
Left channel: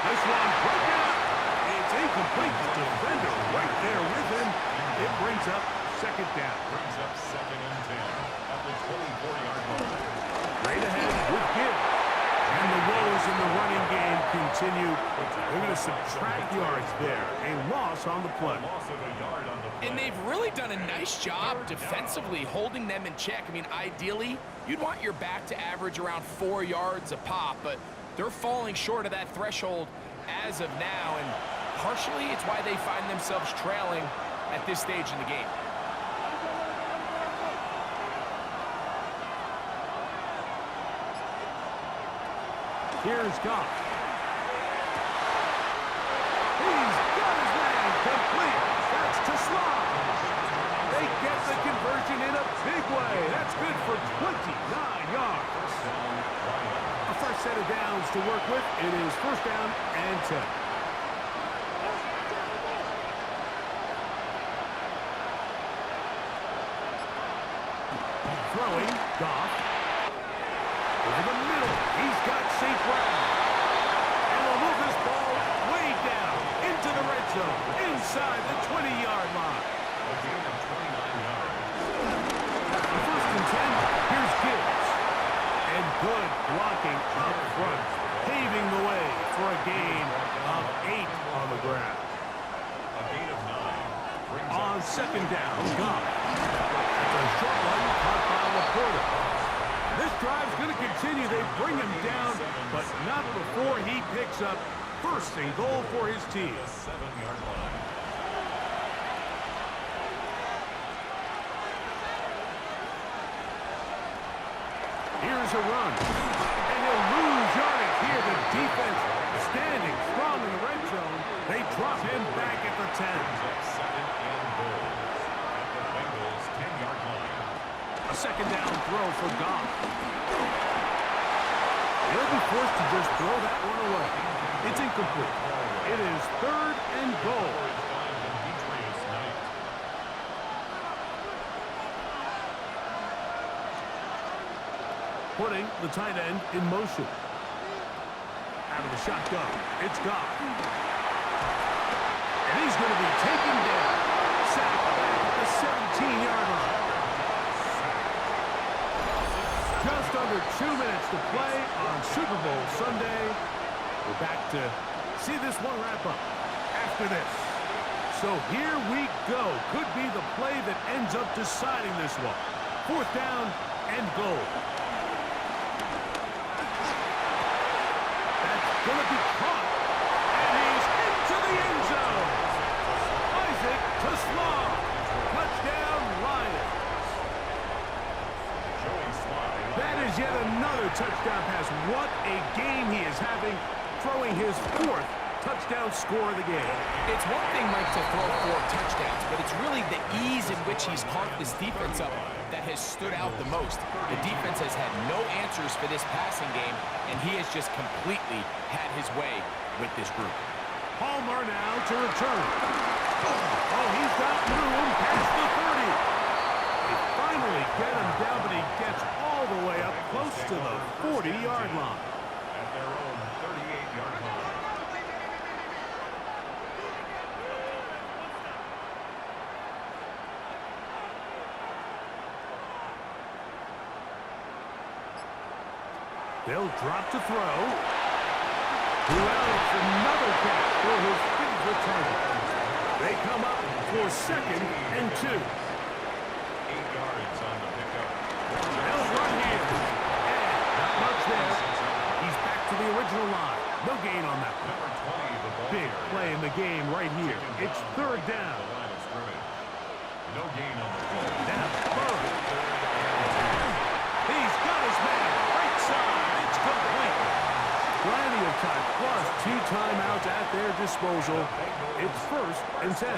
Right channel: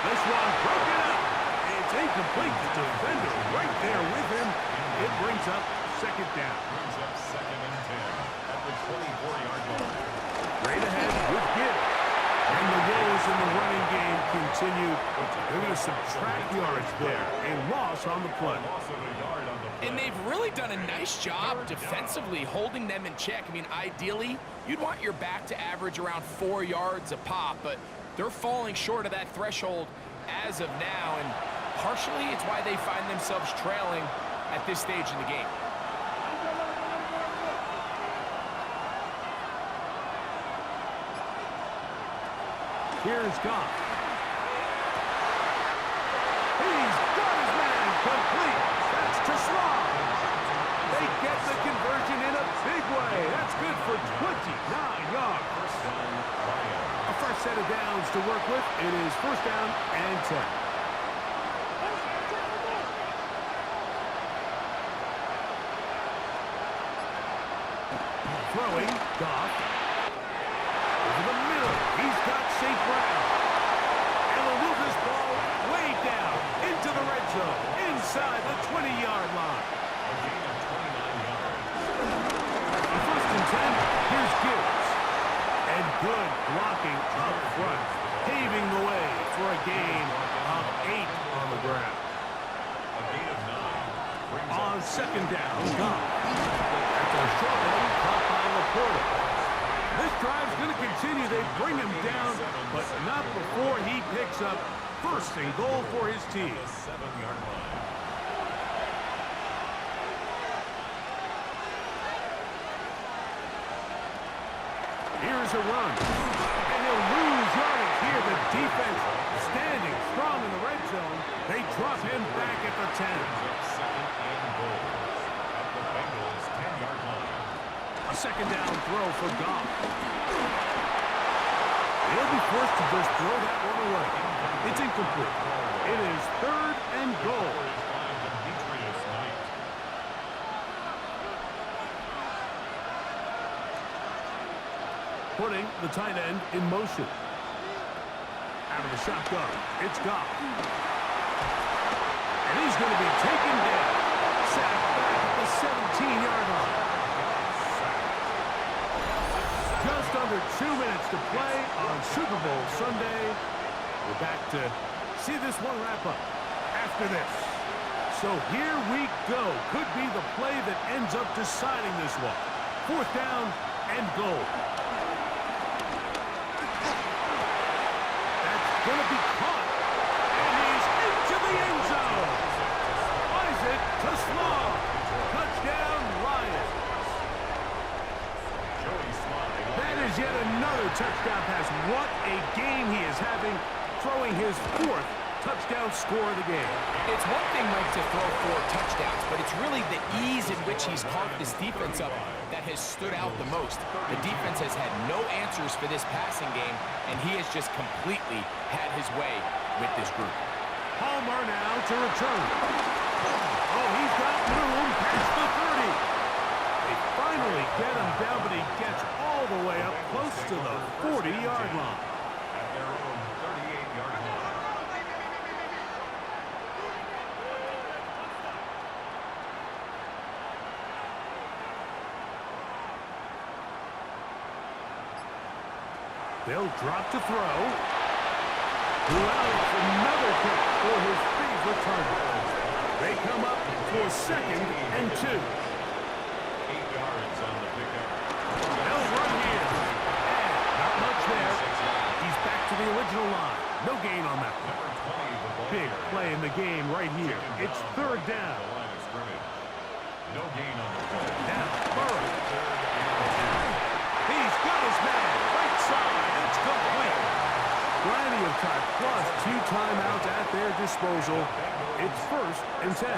This one broken up. It's incomplete. The defender right there with him. It brings up 2nd down. Brings up 2nd and 10 at the 24-yard line. Straight ahead with Gibbs. And the woes in the running game continue. They're going to subtract yards there. A loss on the play. Loss of a yard on the play. And they've really done a nice job defensively holding them in check. I mean, ideally, you'd want your back to average around 4 yards a pop, but they're falling short of that threshold as of now, and partially it's why they find themselves trailing at this stage in the game. Here's Goff. He's got his man complete. That's to Slaw. They get the conversion in a big way. That's good for 29 yards. First down, Lions. A fresh set of downs to work with. It is 1st down and 10. Throwing, Goff. Over the middle, he's got St. Brown. And they'll move this ball way down into the red zone, inside the 20-yard line. A gain of 29 yards. 1st and 10, here's Gibbs. And good blocking up front, paving the way for a gain of 8 on the ground. A gain of 9. Brings On up 2nd down, Goff. That's a short one caught by Laporta. This drive's going to continue. They bring him down, but not before he picks up 1st and goal for his team. the 7-yard line. Here's a run. And he'll lose yardage here. The defense standing strong in the red zone. They drop him back at the 10. Brings up 2nd and goal at the Bengals 10-yard line. A 2nd down throw for Goff. He'll be forced to just throw that one away. It's incomplete. It is 3rd and goal. Putting the tight end in motion. Out of the shotgun, it's Goff. And he's going to be taken down. Sacked back at the 17-yard line. Just under 2 minutes to play on Super Bowl Sunday. We're back to see this one wrap up after this. So here we go. Could be the play that ends up deciding this one. 4th down and goal. Going to be caught, and he's into the end zone. Isaac to Slaw. Touchdown, Lions. That is yet another touchdown pass. What a game he is having, throwing his 4th touchdown score of the game. It's one thing, Mike, to throw 4 touchdowns, but it's really the ease in which he's carved this defense up that has stood out the most. The defense has had no answers for this passing game, and he has just completely had his way with this group. Palmer now to return. Oh, he's got room past the 30. They finally get him down, but he gets all the way up close to the 40-yard line. At their own 38-yard line. They'll drop to throw. Wells, another catch for his favorite target. They come up for 2nd and 2. 8 yards on the pickup. They'll run here. And not much there. He's back to the original line. No gain on that one. Number 20, the ball Big carrier. play in the game right here. It's 3rd down. The line of scrimmage. No gain on the play. Now, Burrow. 3rd and 2. He's got his man. Right side. It's complete. Plenty of time, plus 2 timeouts at their disposal. It's 1st and 10.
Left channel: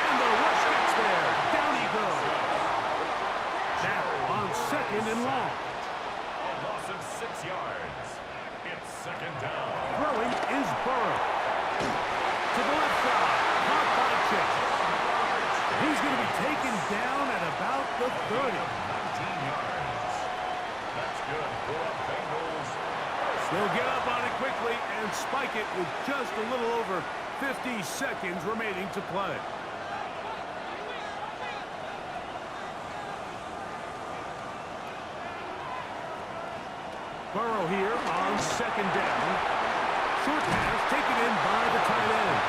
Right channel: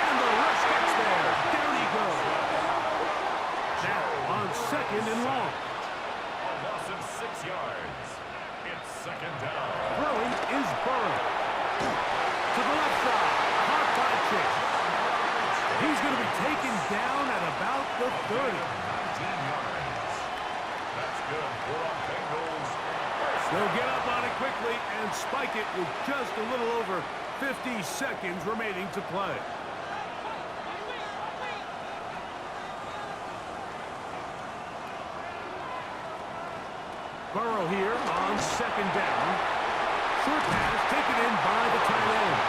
And the rush gets there. Down he goes. Now on 2nd and long. A loss of 6 yards. It's 2nd down. Throwing is Burrow. To the left side. Caught by Chase. He's going to be taken down at about the 30. 19 yards. That's good for the Bengals. They'll get up on it quickly and spike it with just a little over 50 seconds remaining to play. Burrow here on 2nd down. Short pass taken in by the tight end.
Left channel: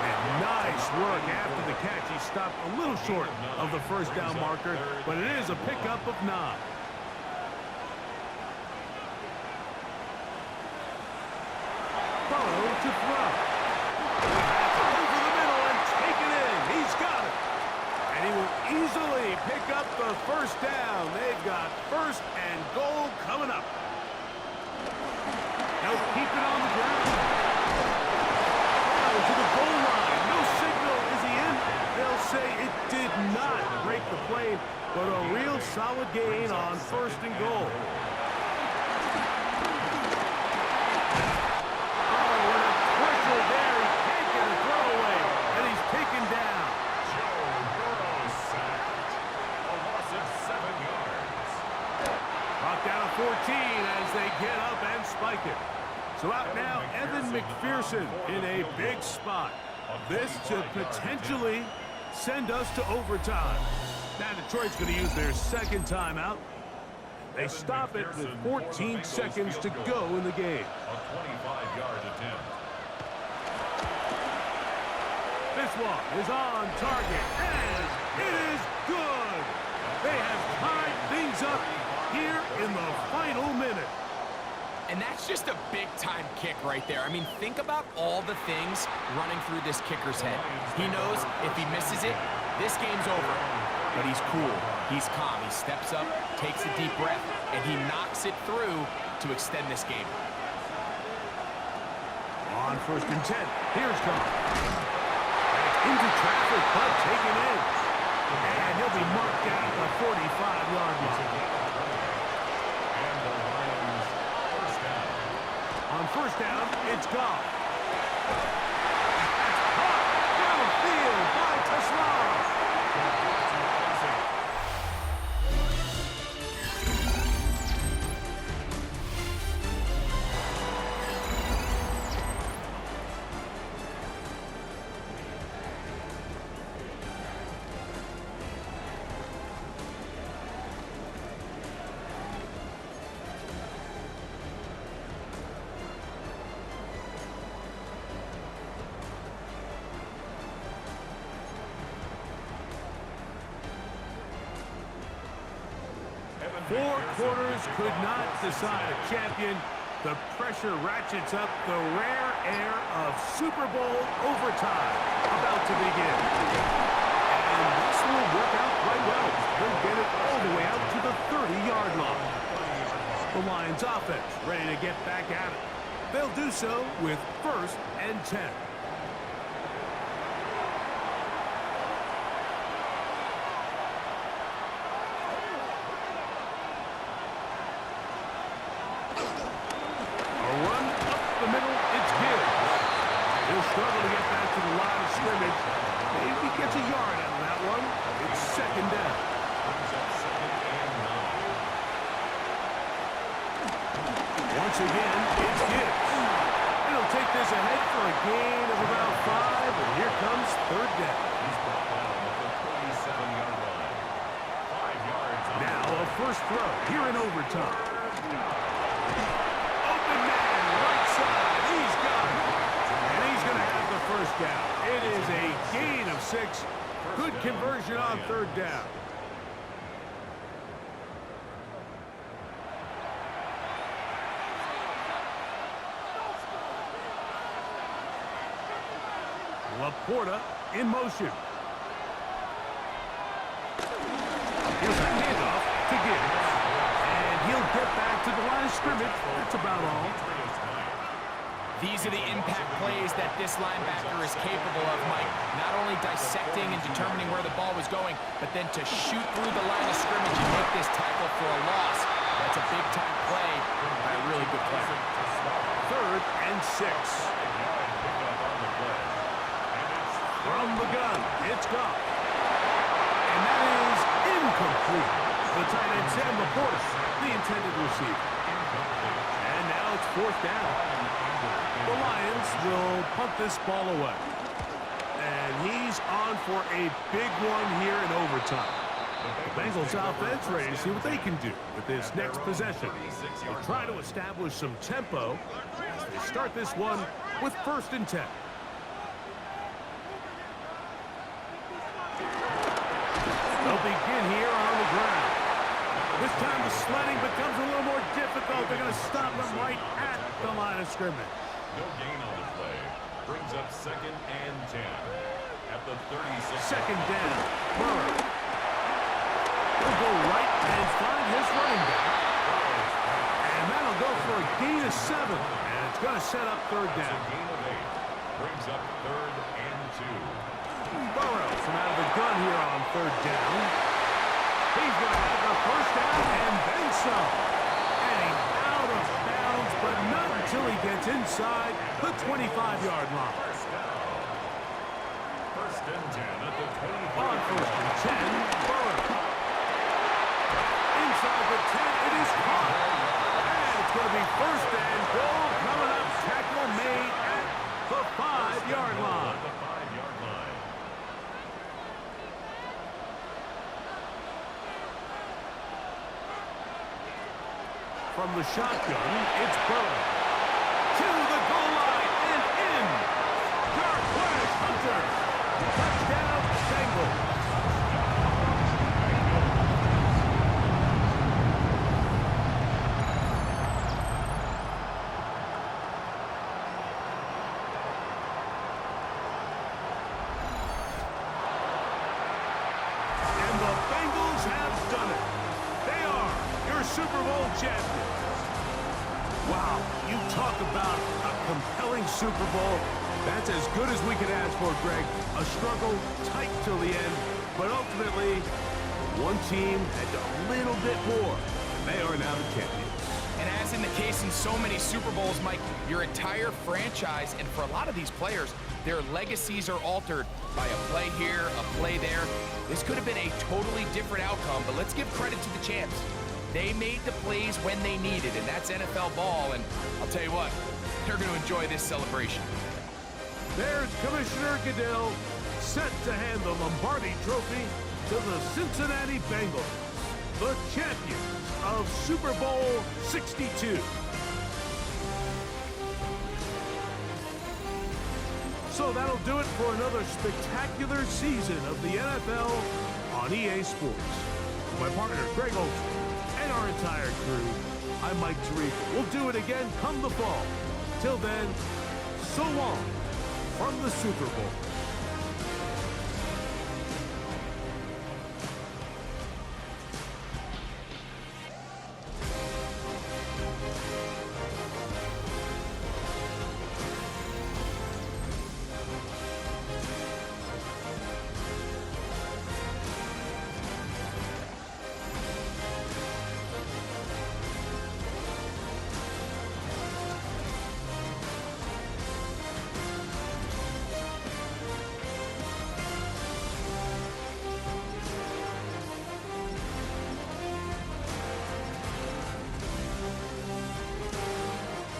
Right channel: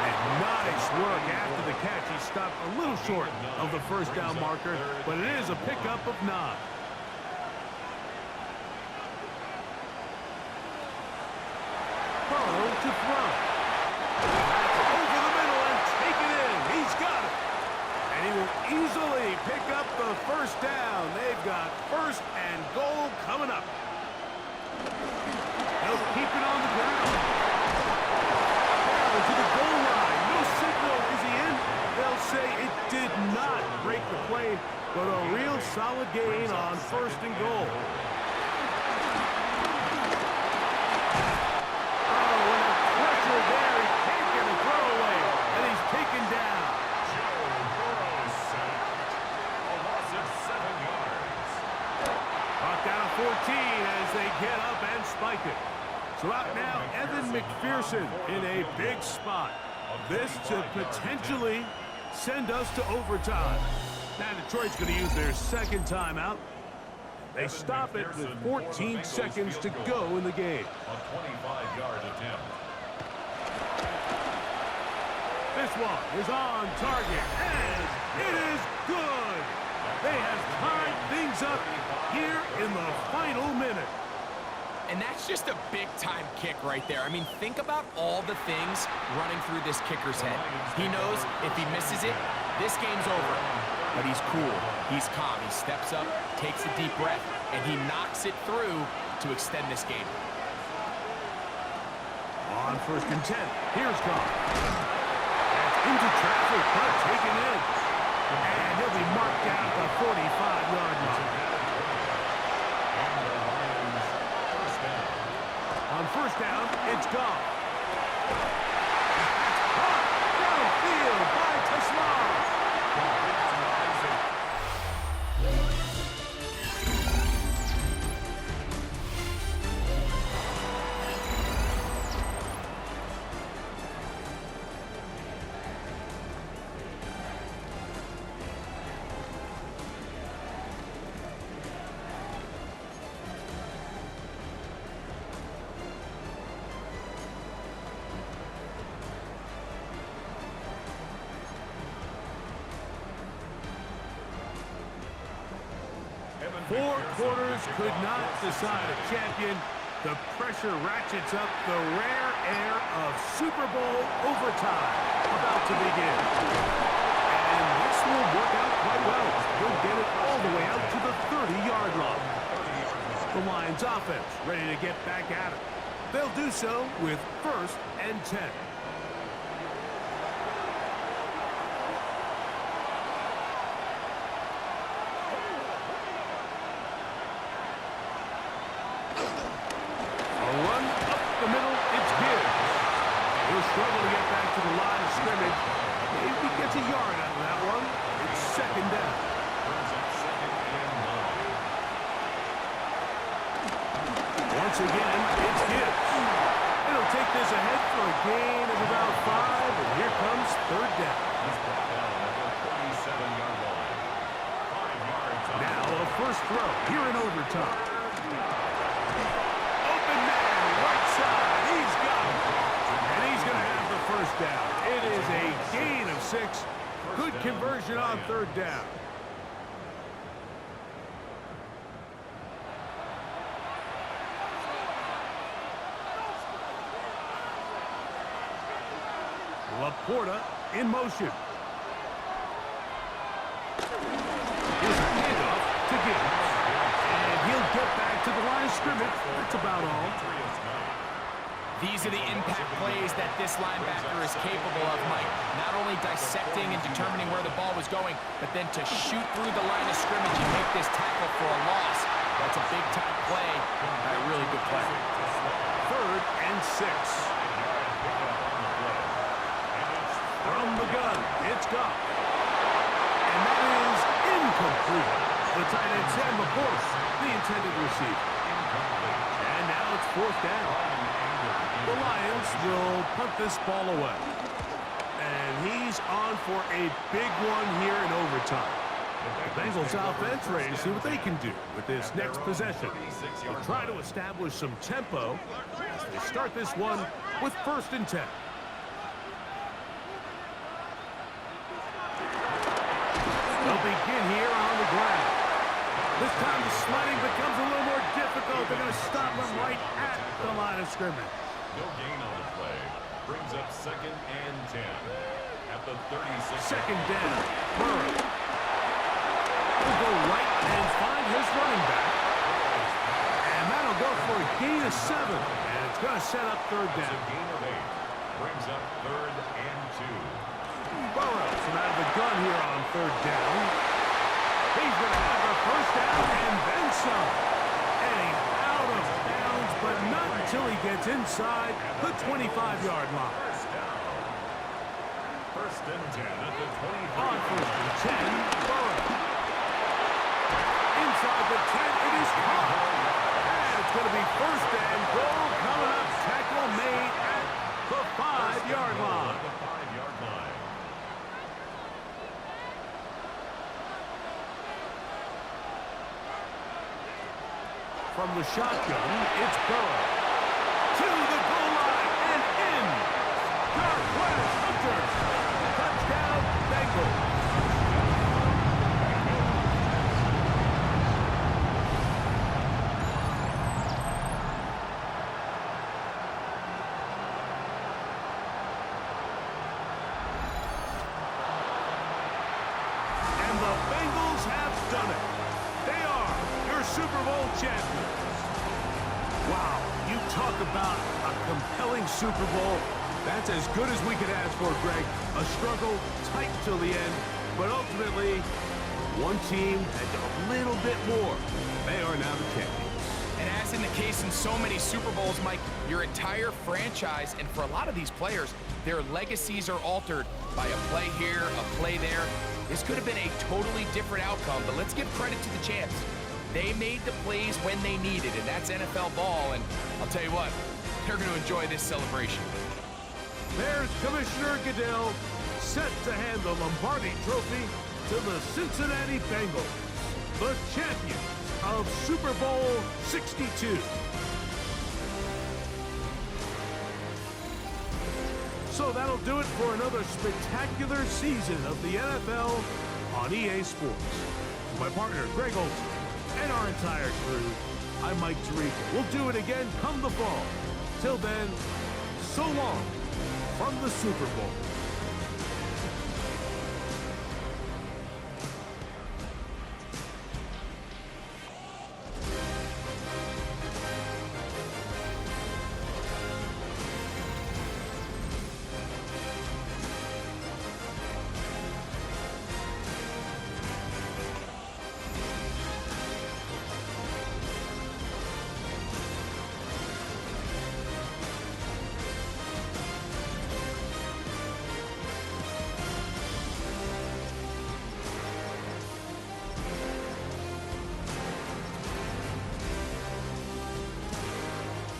And nice work after the catch. He stopped a little short of the 1st down marker, but it is a pickup of 9. Burrow to throw. That's over the middle and taken in. He's got it. And he will easily pick up the 1st down. They've got 1st and goal coming up. They'll keep it on the ground. Down to the goal line. No signal. Is he in? They'll say it did not break the plane, but a real solid gain on 1st and goal. Oh, and a pressure there. He can't get a throwaway, and he's taken down. Burrow sacked. A loss of 7 yards. Brought down to 14 as they get up and spike it. So out now, Evan McPherson in a big spot. This to potentially send us to overtime. Now Detroit's going to use their 2nd timeout. They stop it with 14 seconds to go in the game. A 25-yard attempt. This one is on target, and it is good. They have tied things up here in the final minute. And that's just a big-time kick right there. I mean, think about all the things running through this kicker's head. He knows if he misses it, this game's over. But he's cool. He's calm. He steps up, takes a deep breath, and he knocks it through to extend this game. On 1st and 10, here's Goff. That's into traffic, but taken in. And he'll be marked down at the 45-yard line. And the Lions 1st down. On 1st down, it's Goff. That's caught downfield by Tesla. Four quarters could not decide a champion. The pressure ratchets up, the rare air of Super Bowl overtime about to begin. And this will work out quite well. They'll get it all the way out to the 30-yard line. The Lions offense ready to get back at it. They'll do so with 1st and 10. A run up the middle, it's Gibbs. He'll struggle to get back to the line of scrimmage. Maybe gets a yard out of that one. It's 2nd down. Brings up 2nd and 9. Once again, it's Gibbs. And he'll take this ahead for a gain of about 5, and here comes 3rd down. He's brought down at the 37-yard line. 5 yards. Now a first throw here in overtime. Open man, right side, he's got it. And he's going to have the 1st down. It is a gain of 6. Good conversion on 3rd down. Laporta in motion. Here's a handoff to Gibbs. And he'll get back to the line of scrimmage. That's about all. These are the impact plays that this linebacker is capable of, Mike. Not only dissecting and determining where the ball was going, but then to shoot through the line of scrimmage and make this tackle for a loss. That's a big-time play by a really good player. 3rd and 6. From the gun, it's Goff. And that is incomplete. The tight end, Sam Laporta, the intended receiver. And now it's 4th down. The Lions will punt this ball away. And he's on for a big one here in overtime. The Bengals offense ready to see what they can do with this next possession. They'll try to establish some tempo as they start this one with 1st and 10. They'll begin here on the ground. This time the sledding becomes a little more difficult. They're going to stop them right at the line of scrimmage. No gain on the play. Brings up 2nd and 10. At the 36. 2nd down. Burrow. He'll go right and find his running back. And that'll go for a gain of 7. And it's going to set up 3rd down. It's a gain of 8. Brings up 3rd and 2. Burrow from out of the gun here on 3rd down. He's going to have the 1st down and then some. And he's out of bounds, but not until he gets inside the 25-yard line. 1st and 10 at the 25. On 1st and 10, Burrow. Inside the 10, it is caught. And it's going to be 1st and goal coming up. Tackle made at the 5-yard line. The 5-yard line. From the shotgun, it's Burrow. To the goal line and in. Darquez Hunter. Touchdown, Bengals. And the Bengals have done it. They are your Super Bowl champions. Wow, you talk about a compelling Super Bowl. That's as good as we could ask for, Greg. A struggle tight till the end, but ultimately, one team had a little bit more. They are now the champions. And as in the case in so many Super Bowls, Mike, your entire franchise, and for a lot of these players, their legacies are altered by a play here, a play there. This could have been a totally different outcome, but let's give credit to the champs. They made the plays when they needed, and that's NFL ball, and I'll tell you what, they're going to enjoy this celebration. There's Commissioner Goodell set to hand the Lombardi Trophy to the Cincinnati Bengals, the champions of Super Bowl 62. So that'll do it for another spectacular season of the NFL on EA Sports. For my partner, Greg Olson, and our entire crew, I'm Mike Tirico. We'll do it again come the fall. Till then, so long from the Super Bowl.